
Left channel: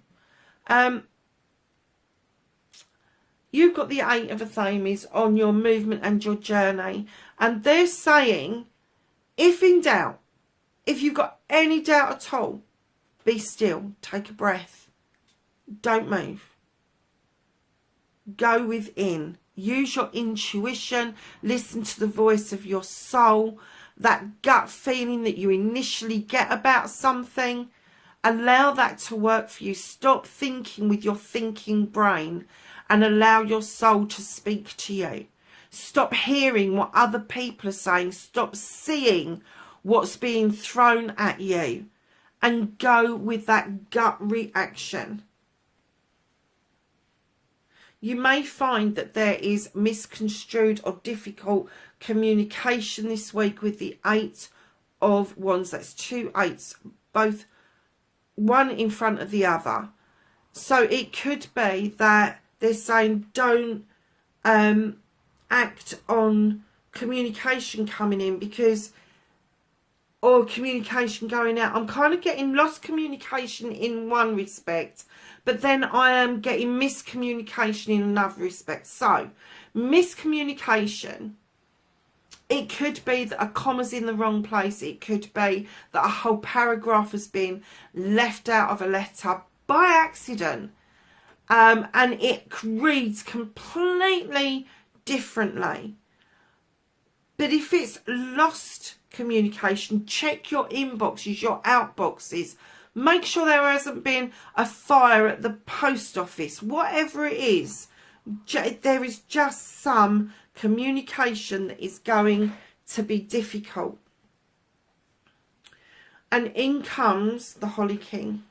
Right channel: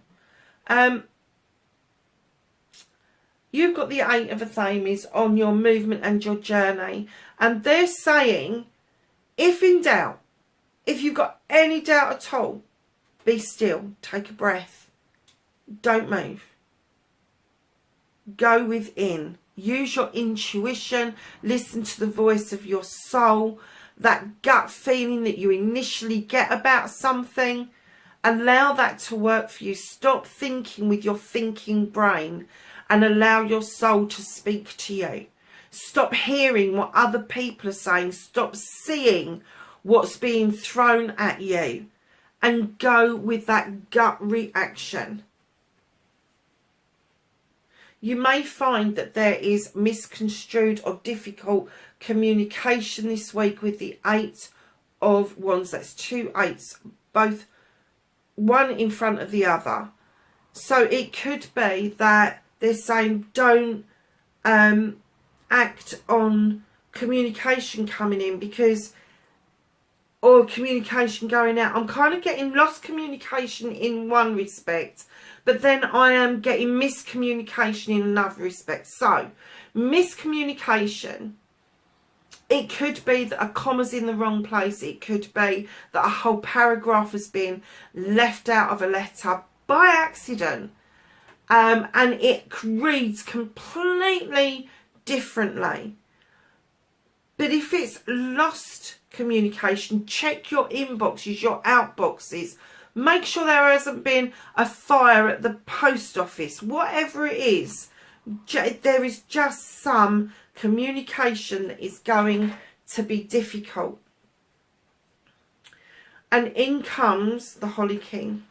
You've got the 8 of Athames on your movement and your journey. And they're saying, if in doubt, if you've got any doubt at all, be still. Take a breath. Don't move. Go within. Use your intuition. Listen to the voice of your soul. That gut feeling that you initially get about something. Allow that to work for you. Stop thinking with your thinking brain and allow your soul to speak to you. Stop hearing what other people are saying. Stop seeing what's being thrown at you and go with that gut reaction. You may find that there is misconstrued or difficult communication this week with the Eight of Wands. That's 2 8s, both one in front of the other. So it could be that they're saying don't act on communication coming in because, or communication going out. I'm kind of getting lost communication in one respect, but then I am getting miscommunication in another respect. So miscommunication, it could be that a comma's in the wrong place. It could be that a whole paragraph has been left out of a letter by accident, and it reads completely differently. But if it's lost communication, check your inboxes, your outboxes. Make sure there hasn't been a fire at the post office. Whatever it is, there is just some communication that is going to be difficult. And in comes the Holly King.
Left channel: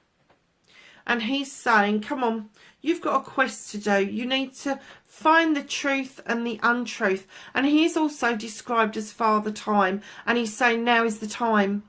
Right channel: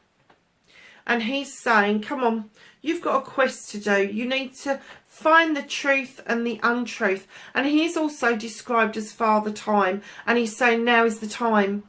And he's saying, come on, you've got a quest to do. You need to find the truth and the untruth. And he is also described as Father Time. And he's saying now is the time.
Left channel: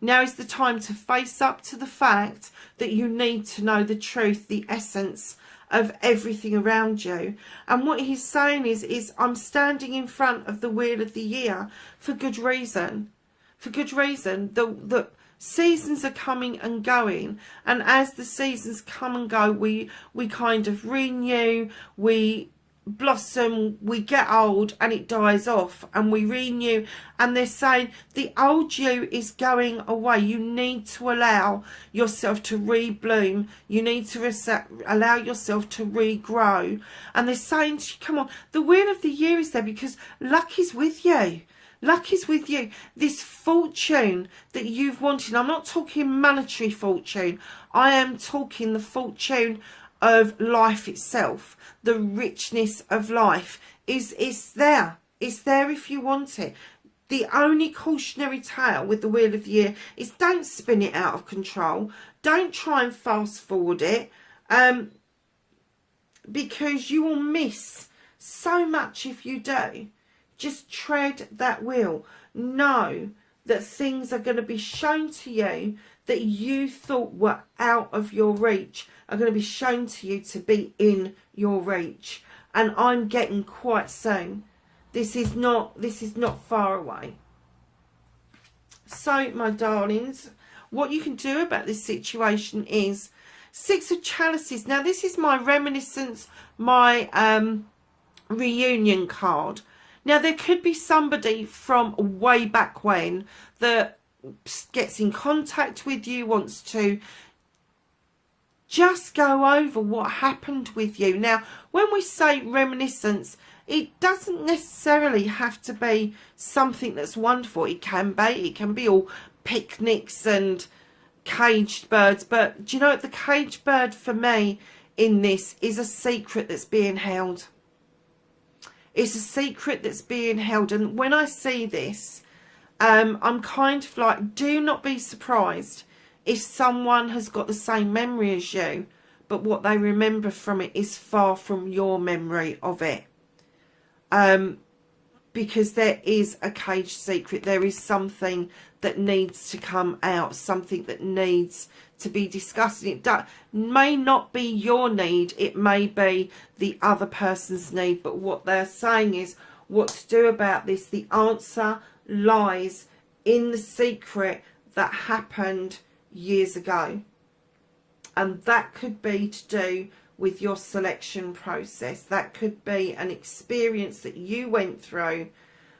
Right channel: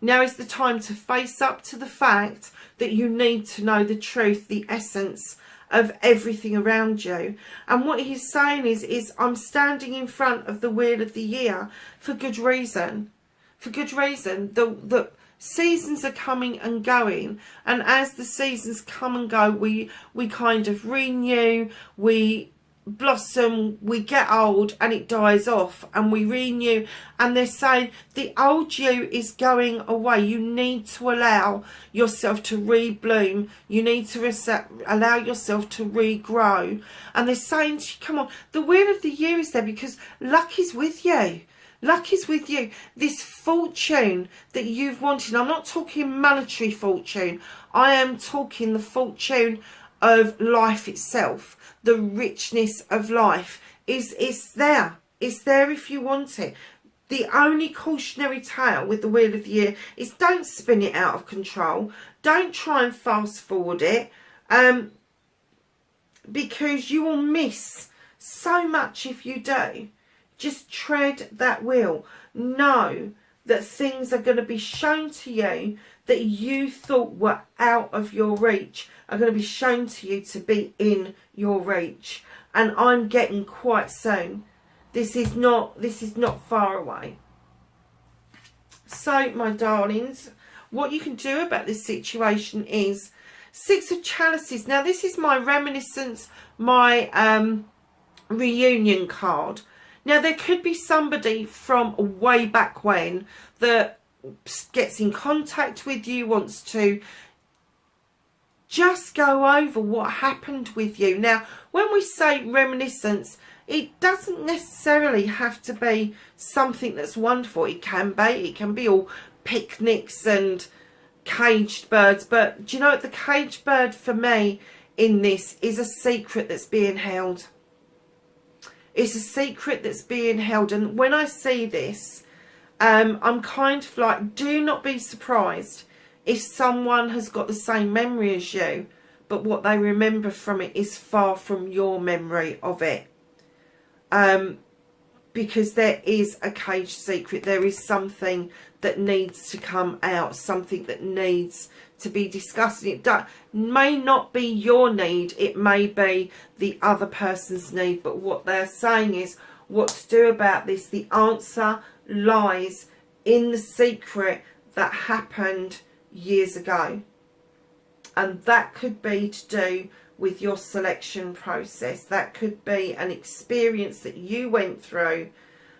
Now is the time to face up to the fact that you need to know the truth, the essence of everything around you. And what he's saying is I'm standing in front of the Wheel of the Year for good reason. For good reason. The seasons are coming and going, and as the seasons come and go, we kind of renew, we blossom, we get old, and it dies off, and we renew. And they're saying the old you is going away. You need to allow yourself to rebloom. You need to allow yourself to regrow. And they're saying, come on, the Wheel of the Year is there because luck is with you. Luck is with you. This fortune that you've wanted, I'm not talking monetary fortune. I am talking the fortune of life itself. The richness of life is there. It's there if you want it. The only cautionary tale with the Wheel of the Year is don't spin it out of control. Don't try and fast forward it, because you will miss so much if you do. Just tread that wheel. Know that things are going to be shown to you that you thought were out of your reach are going to be shown to you to be in your reach. And I'm getting quite soon. This is not far away. So, my darlings, what you can do about this situation is 6 of Chalices. Now, this is my reminiscence, my reunion card. Now, there could be somebody from way back when that gets in contact with you, wants to just go over what happened with you. Now, when we say reminiscence, it doesn't necessarily have to be something that's wonderful. It can be all picnics and caged birds. But do you know what? The caged bird for me in this is a secret that's being held. It's a secret that's being held. And when I see this, I'm kind of like, do not be surprised if someone has got the same memory as you, but what they remember from it is far from your memory of it. Because there is a caged secret. There is something that needs to come out, something that needs to be discussed. It may not be your need, it may be the other person's need, but what they're saying is what to do about this. The answer lies in the secret that happened years ago, and that could be to do with your selection process. That could be an experience that you went through,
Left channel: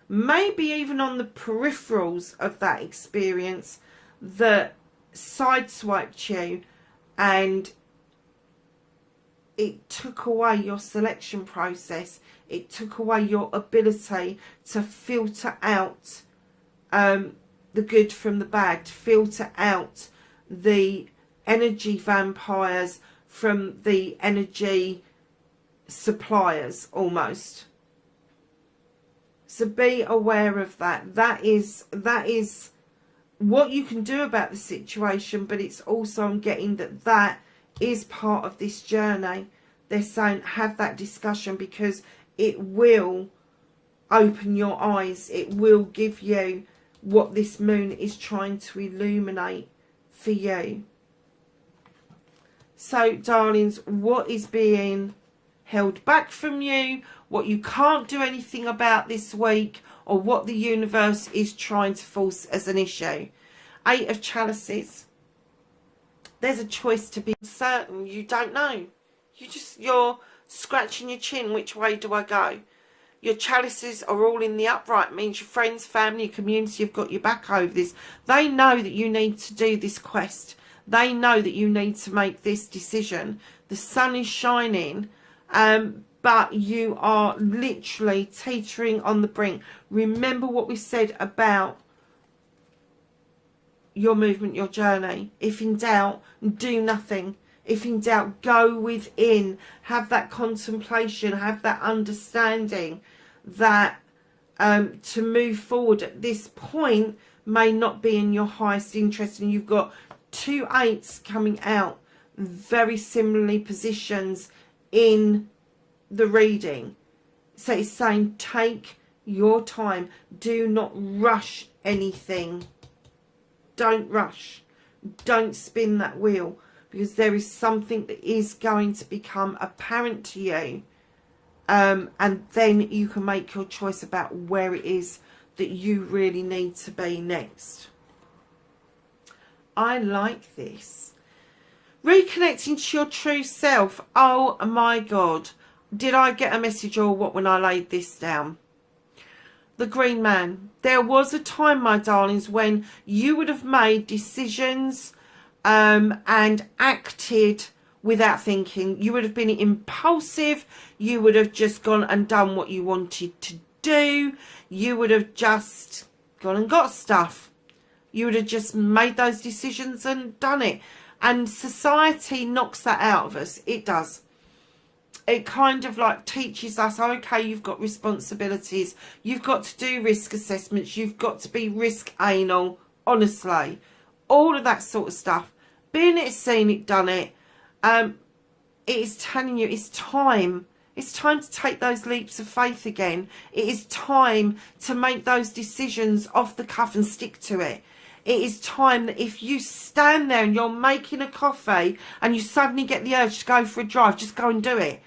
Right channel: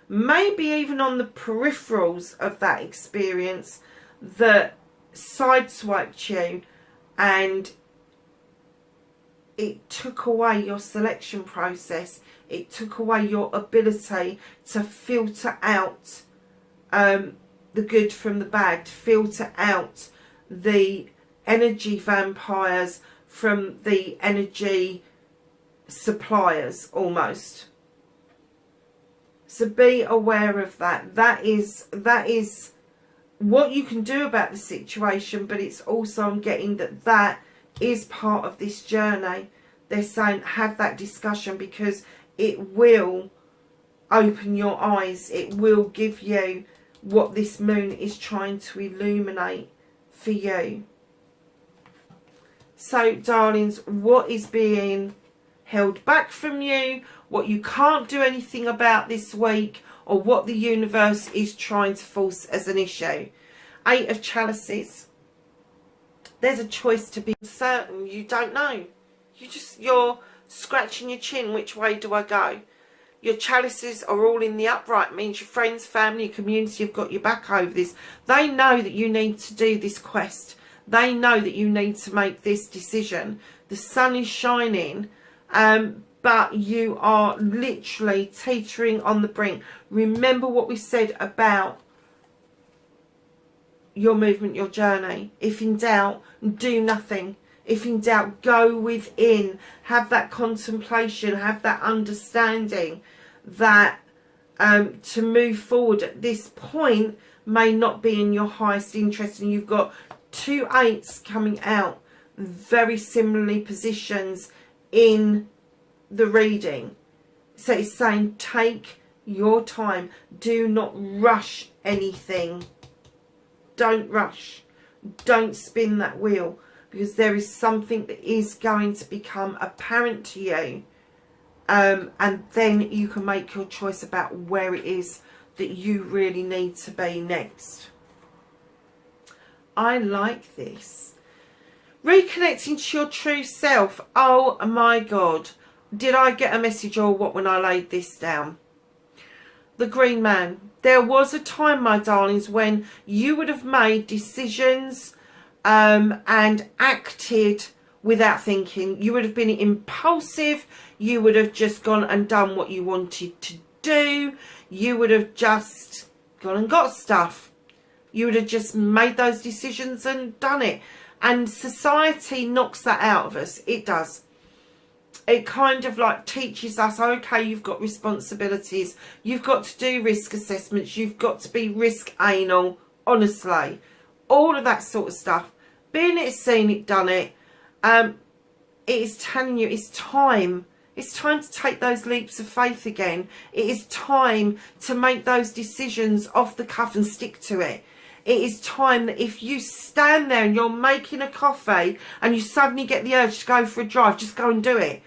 maybe even on the peripherals of that experience, that sideswiped you and it took away your selection process. It took away your ability to filter out the good from the bad, to filter out the energy vampires from the energy suppliers almost. So be aware of that. That is what you can do about the situation, but it's also, I'm getting that that is part of this journey. They're saying have that discussion because it will open your eyes. It will give you what this moon is trying to illuminate for you. So, darlings, what is being held back from you, what you can't do anything about this week, or what the universe is trying to force as an issue. 8 of Chalices. There's a choice to be certain. You don't know. You're scratching your chin. Which way do I go? Your chalices are all in the upright. It means your friends, family, community have got your back over this. They know that you need to do this quest. They know that you need to make this decision. The sun is shining, but you are literally teetering on the brink. Remember what we said about your movement, your journey. If in doubt, do nothing. If in doubt, go within. Have that contemplation, have that understanding that to move forward at this point may not be in your highest interest. And you've got 2 8s coming out, very similarly positions in the reading. So it's saying take your time. Do not rush anything. Don't rush. Don't spin that wheel, because there is something that is going to become apparent to you, and then you can make your choice about where it is that you really need to be next. I like this. Reconnecting to your true self. Oh my God. Did I get a message or what when I laid this down? The Green Man. There was a time, my darlings, when you would have made decisions and acted without thinking. You would have been impulsive. You would have just gone and done what you wanted to do. You would have just gone and got stuff. You would have just made those decisions and done it. And society knocks that out of us. It does. It kind of like teaches us, okay, you've got responsibilities. You've got to do risk assessments. You've got to be risk anal. Honestly. All of that sort of stuff. Been it, seen it, done it. It is telling you it's time. It's time to take those leaps of faith again. It is time to make those decisions off the cuff and stick to it. It is time that if you stand there and you're making a coffee and you suddenly get the urge to go for a drive, just go and do it.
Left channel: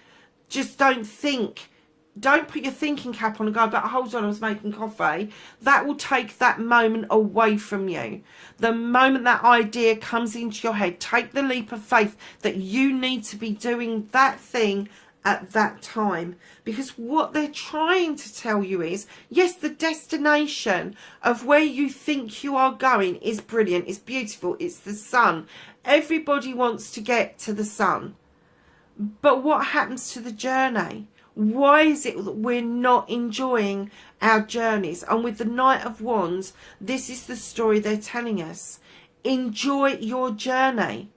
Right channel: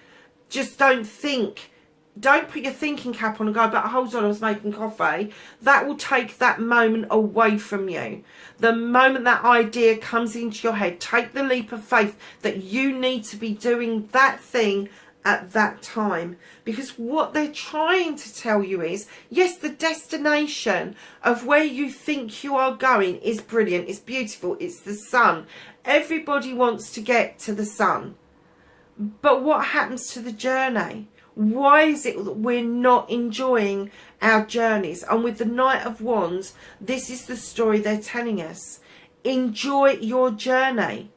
Just don't think. Don't put your thinking cap on and go, but hold on, I was making coffee. That will take that moment away from you. The moment that idea comes into your head, take the leap of faith that you need to be doing that thing at that time. Because what they're trying to tell you is, yes, the destination of where you think you are going is brilliant, it's beautiful, it's the sun. Everybody wants to get to the sun. But what happens to the journey? Why is it that we're not enjoying our journeys? And with the Knight of Wands, this is the story they're telling us. Enjoy your journey.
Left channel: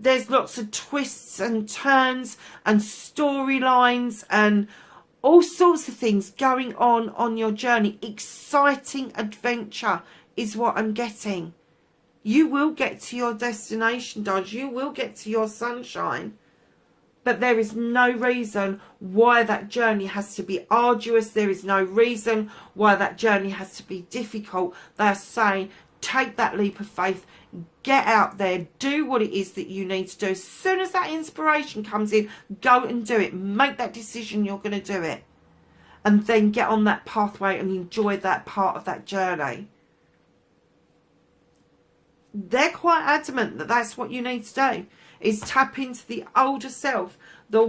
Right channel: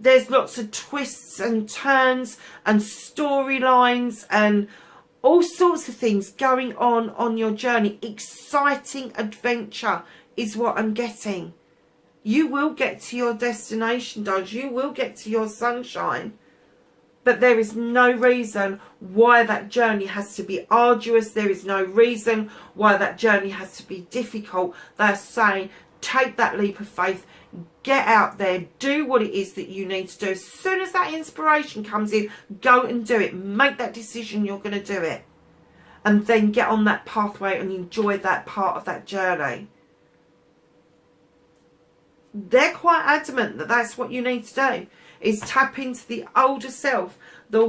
There's lots of twists and turns and storylines and all sorts of things going on your journey. Exciting adventure is what I'm getting. You will get to your destination, darling. You will get to your sunshine. But there is no reason why that journey has to be arduous. There is no reason why that journey has to be difficult. They're saying, take that leap of faith. Get out there. Do what it is that you need to do. As soon as that inspiration comes in, go and do it. Make that decision you're going to do it. And then get on that pathway and enjoy that part of that journey. They're quite adamant that that's what you need to do. Is tap into the older self, the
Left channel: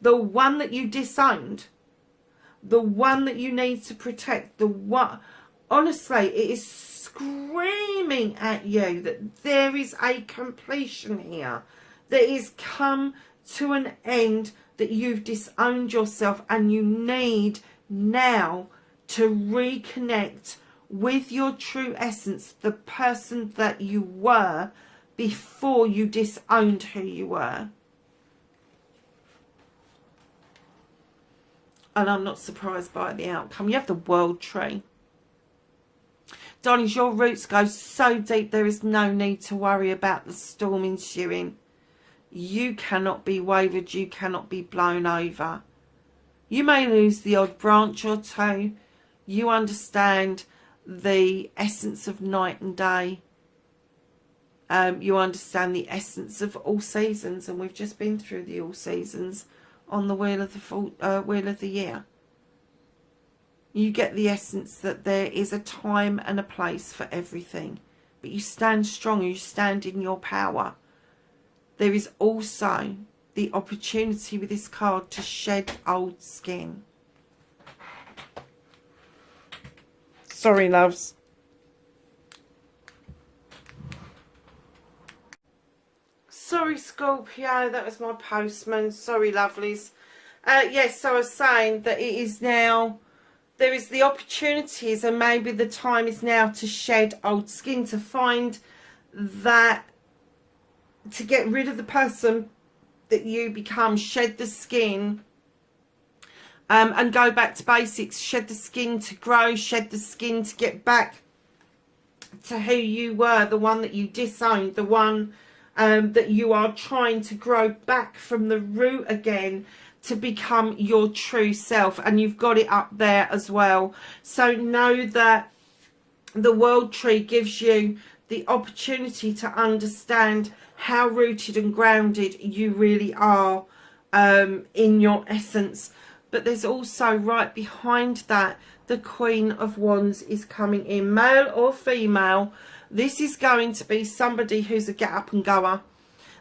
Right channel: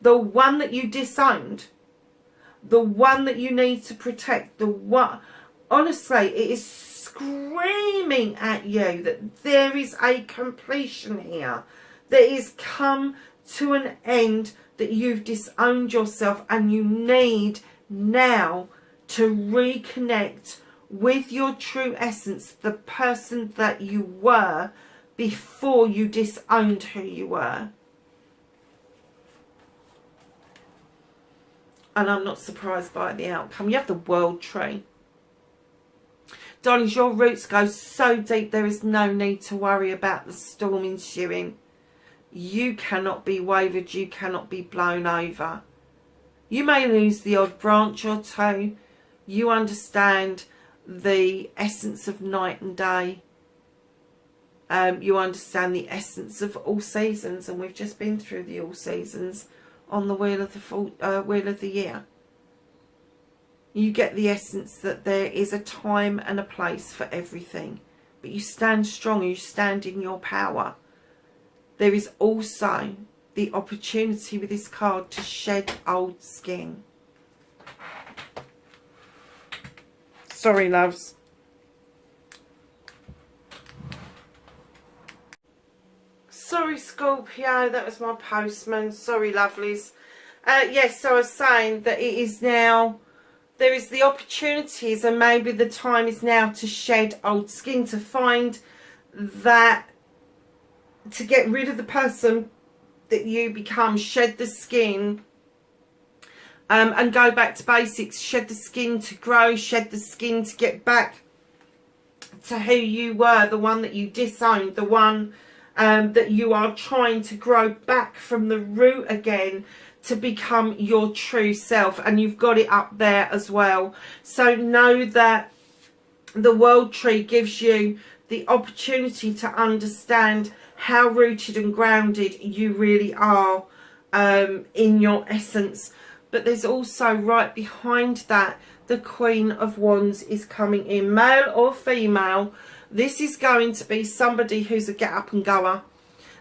one that you disowned, the one that you need to protect, the one. Honestly, it is screaming at you that there is a completion here, that is come to an end, that you've disowned yourself and you need now to reconnect with your true essence, the person that you were before you disowned who you were. And I'm not surprised by the outcome. You have the World Tree. Darlings, your roots go so deep, there is no need to worry about the storm ensuing. You cannot be wavered, you cannot be blown over. You may lose the odd branch or two. You understand the essence of night and day. You understand the essence of all seasons, and we've just been through the all seasons on the wheel of the year. You get the essence that there is a time and a place for everything, but you stand strong, you stand in your power. There is also the opportunity with this card to shed old skin. Sorry, loves. Sorry, Scorpio, that was my postman. Sorry, lovelies. Yes, so I was saying that it is now, there is the opportunities, and maybe the time is now to shed old skin, to find that, to get rid of the person that you become, shed the skin, and go back to basics. Shed the skin to grow, shed the skin to get back to who you were, the one that you disowned, the one that you are trying to grow back from the root again to become your true self. And you've got it up there as well. So know that the World Tree gives you the opportunity to understand how rooted and grounded you really are in your essence. But there's also right behind that, the Queen of Wands is coming in, male or female. This is going to be somebody who's a get up and goer.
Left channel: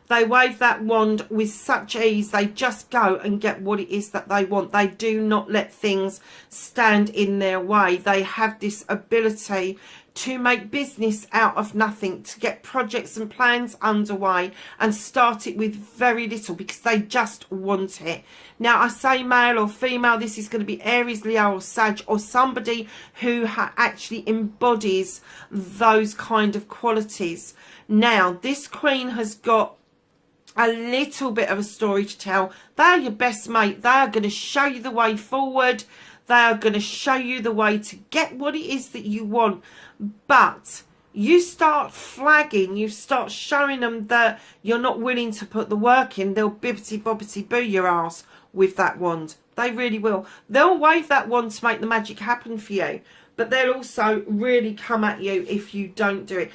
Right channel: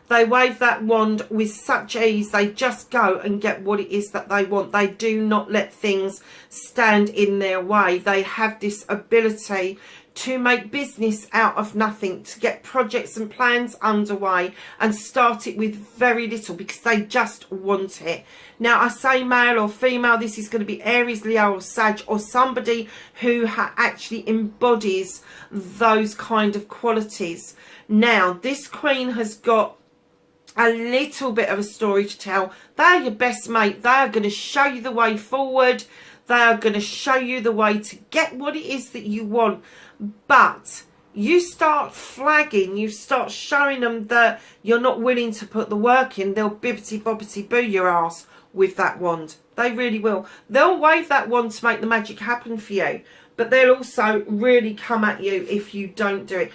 They wave that wand with such ease. They just go and get what it is that they want. They do not let things stand in their way. They have this ability to make business out of nothing, to get projects and plans underway and start it with very little because they just want it. Now, I say male or female, this is going to be Aries, Leo or Sag, or somebody who actually embodies those kind of qualities. Now, this Queen has got a little bit of a story to tell. They are your best mate. They are going to show you the way forward. They are going to show you the way to get what it is that you want. But you start flagging, you start showing them that you're not willing to put the work in, they'll bibbity bobbity boo your ass with that wand. They really will. They'll wave that wand to make the magic happen for you, but they'll also really come at you if you don't do it.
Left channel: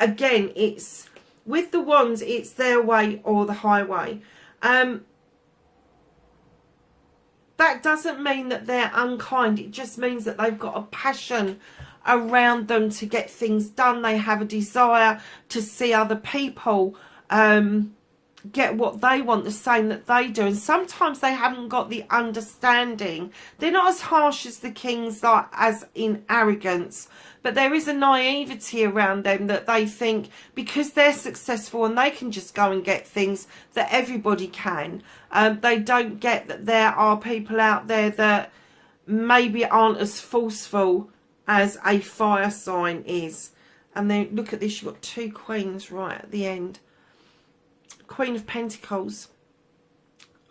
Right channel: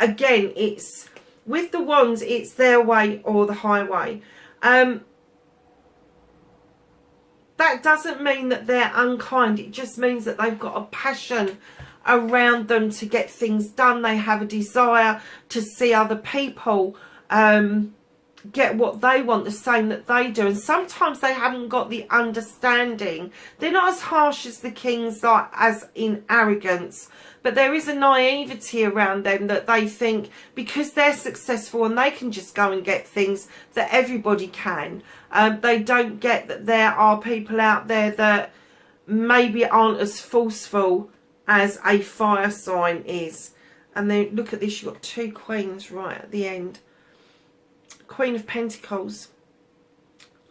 Again, it's with the wands, it's their way or the highway. That doesn't mean that they're unkind. It just means that they've got a passion around them to get things done. They have a desire to see other people get what they want, the same that they do. And sometimes they haven't got the understanding. They're not as harsh as the kings, like as in arrogance, but there is a naivety around them that they think because they're successful and they can just go and get things that everybody can. They don't get that there are people out there that maybe aren't as forceful as a fire sign is. And then look at this, you've got two queens right at the end. Queen of Pentacles,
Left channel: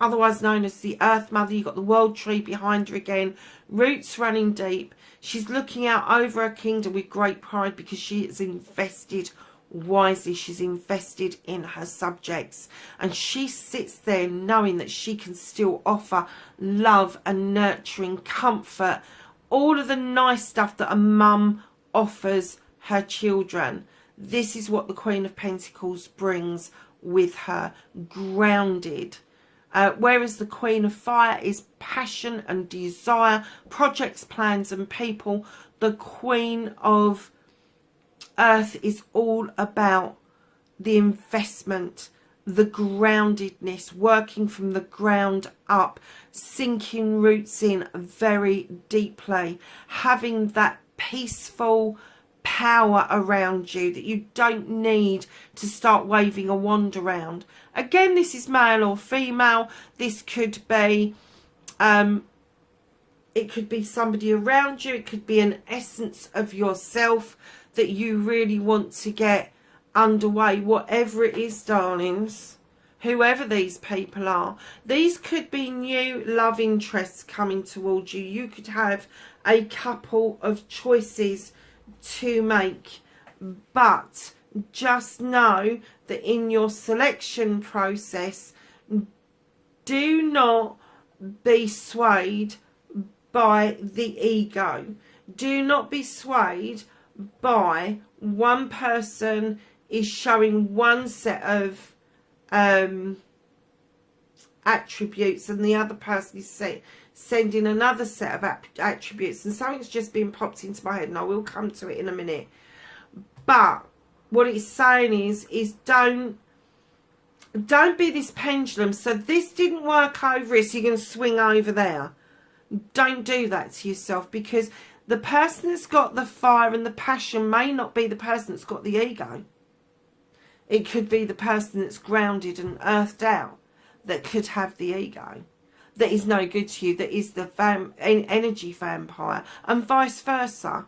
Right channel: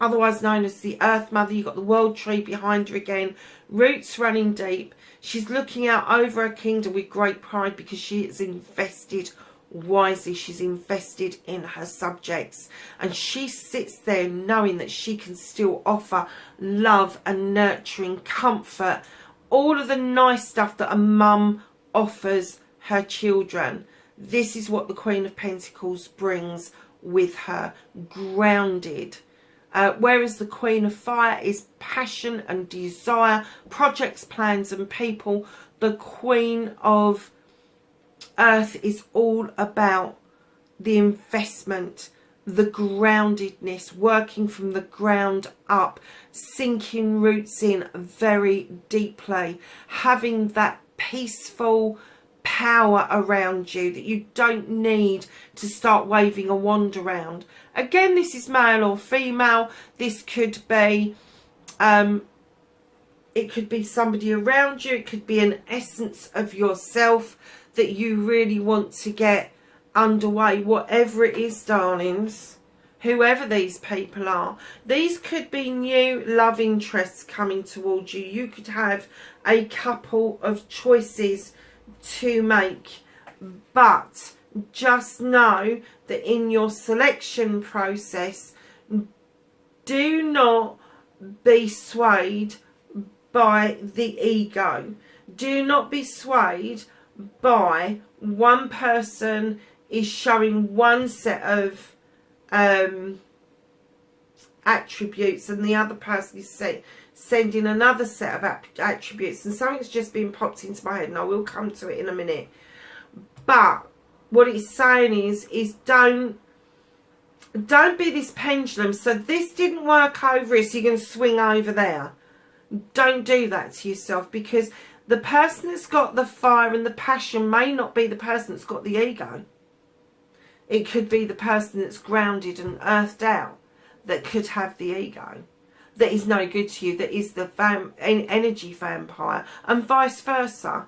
otherwise known as the Earth Mother. You've got the World Tree behind her again, roots running deep. She's looking out over her kingdom with great pride because she is invested wisely. She's invested in her subjects, and she sits there knowing that she can still offer love and nurturing, comfort, all of the nice stuff that a mum offers her children. This is what the Queen of Pentacles brings with her, grounded. Whereas the Queen of Fire is passion and desire, projects, plans and people. The Queen of Earth is all about the investment, the groundedness, working from the ground up, sinking roots in very deeply, having that peaceful power around you that you don't need to start waving a wand around. Again, this is male or female. This could be it could be somebody around you, it could be an essence of yourself that you really want to get underway. Whatever it is, darlings, whoever these people are, these could be new love interests coming towards you. You could have a couple of choices to make. But just know that in your selection process, do not be swayed by the ego. Do not be swayed by one person is showing one set of attributes and the other person is sending another set of attributes, and something's just been popped into my head and I will come to it in a minute. But what it's saying is don't be this pendulum. So this didn't work over here, so you're going to swing over there. Don't do that to yourself, because the person that's got the fire and the passion may not be the person that's got the ego. It could be the person that's grounded and earthed out that could have the ego, that is no good to you, that is the energy vampire, and vice versa.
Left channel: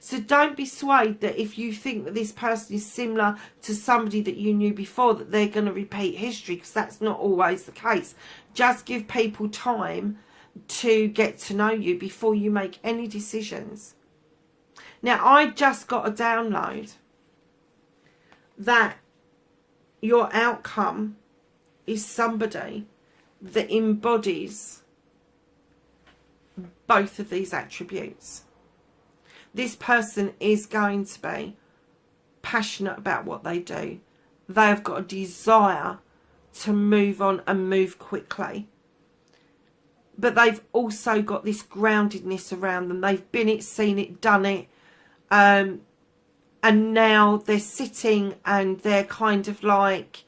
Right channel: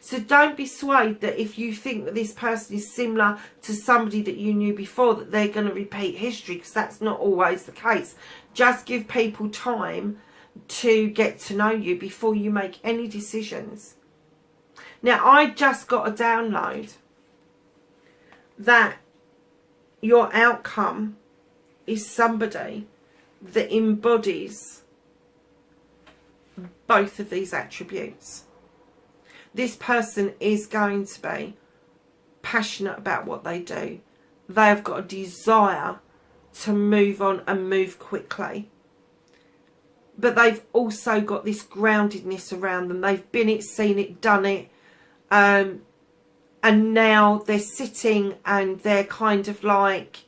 So don't be swayed that if you think that this person is similar to somebody that you knew before, that they're going to repeat history, because that's not always the case. Just give people time to get to know you before you make any decisions. Now, I just got a download that your outcome is somebody that embodies both of these attributes. This person is going to be passionate about what they do. They have got a desire to move on and move quickly. But they've also got this groundedness around them. They've been it, seen it, done it. And now they're sitting and they're kind of like,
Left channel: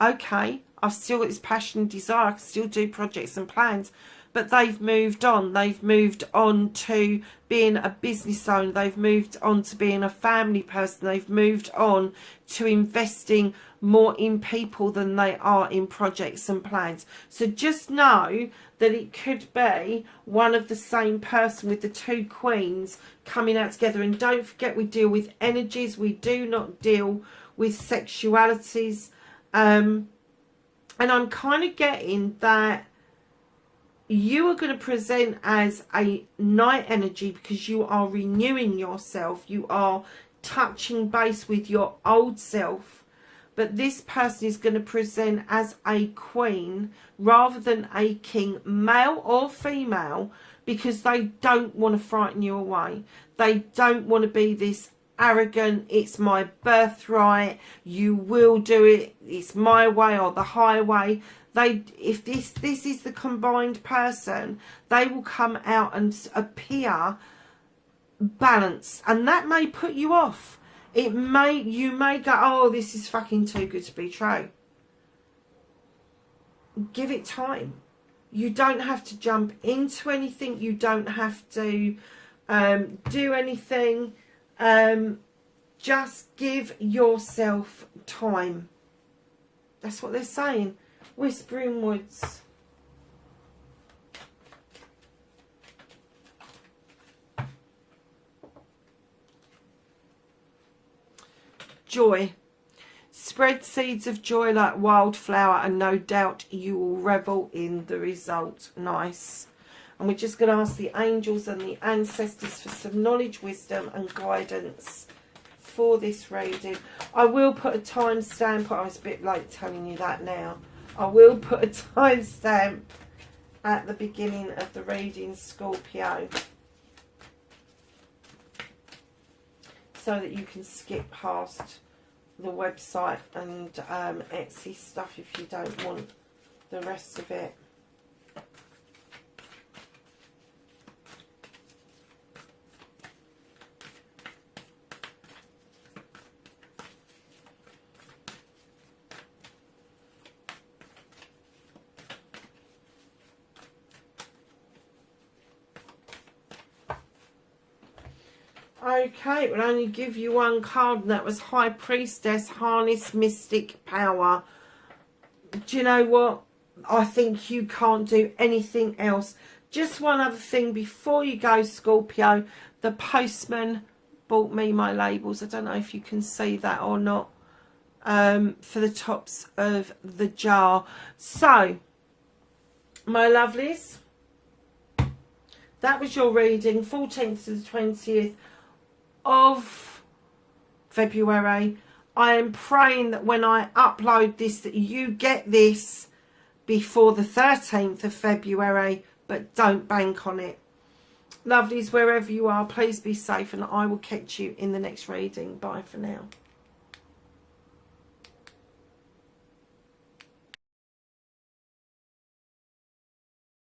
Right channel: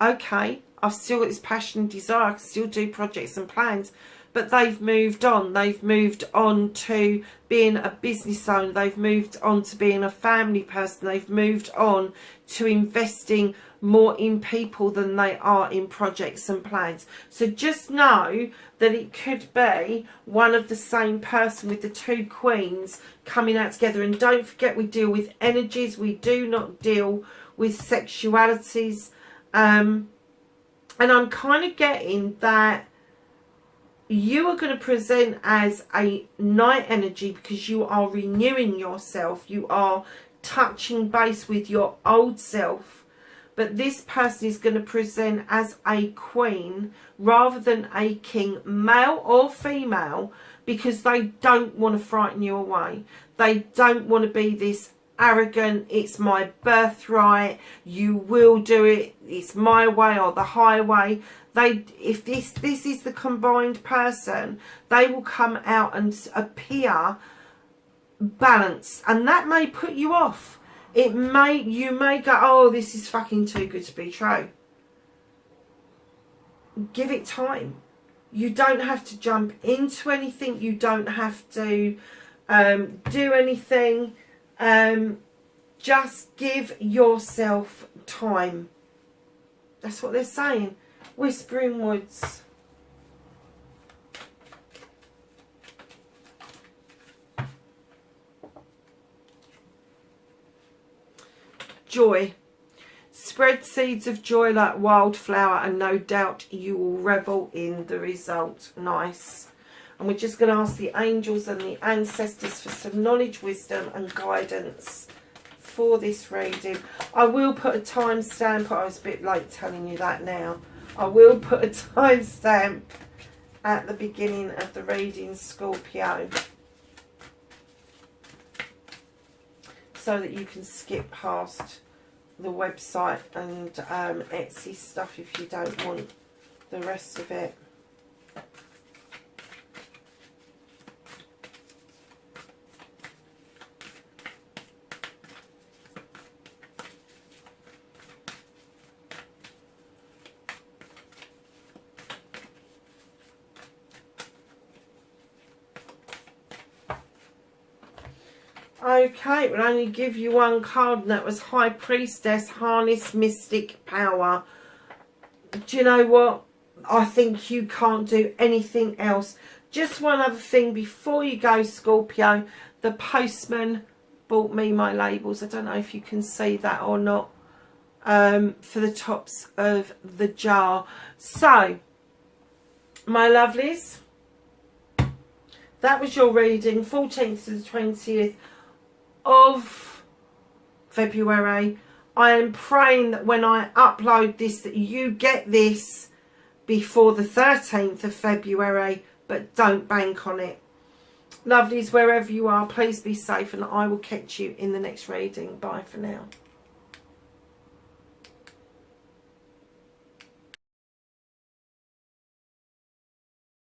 okay, I've still got this passion and desire. I can still do projects and plans. But they've moved on. They've moved on to being a business owner. They've moved on to being a family person. They've moved on to investing more in people than they are in projects and plans. So just know that it could be one of the same person with the two queens coming out together. And don't forget, we deal with energies. We do not deal with sexualities. And I'm kind of getting that you are going to present as a night energy because you are renewing yourself. You are touching base with your old self. But this person is going to present as a queen rather than a king, male or female, because they don't want to frighten you away. They don't want to be this arrogant, it's my birthright, you will do it, it's my way or the highway. If this is the combined person, they will come out and appear balanced, and that may put you off. You may go, oh, this is fucking too good to be true. Give it time. You don't have to jump into anything. You don't have to do anything. Just give yourself time. That's what they're saying. Whispering Woods. Joy. Spread seeds of joy like wildflower, and no doubt you will revel in the result. Nice. And we're just going to ask the angels and the ancestors for some knowledge, wisdom and guidance for this reading. I will put a timestamp. I was a bit late telling you that now. I will put a timestamp at the beginning of the reading, Scorpio, so that you can skip past the website and Etsy stuff if you don't want the rest of it. Okay, it will only give you one card, and that was High Priestess, Harness Mystic Power. Do you know what? I think you can't do anything else. Just one other thing before you go, Scorpio. The postman bought me my labels. I don't know if you can see that or not. For the tops of the jar. So, my lovelies, that was your reading, 14th to the 20th of February. I am praying that when I upload this, that you get this before the 13th of February, but don't bank on it. Lovelies, wherever you are, please be safe, and I will catch you in the next reading. Bye for now.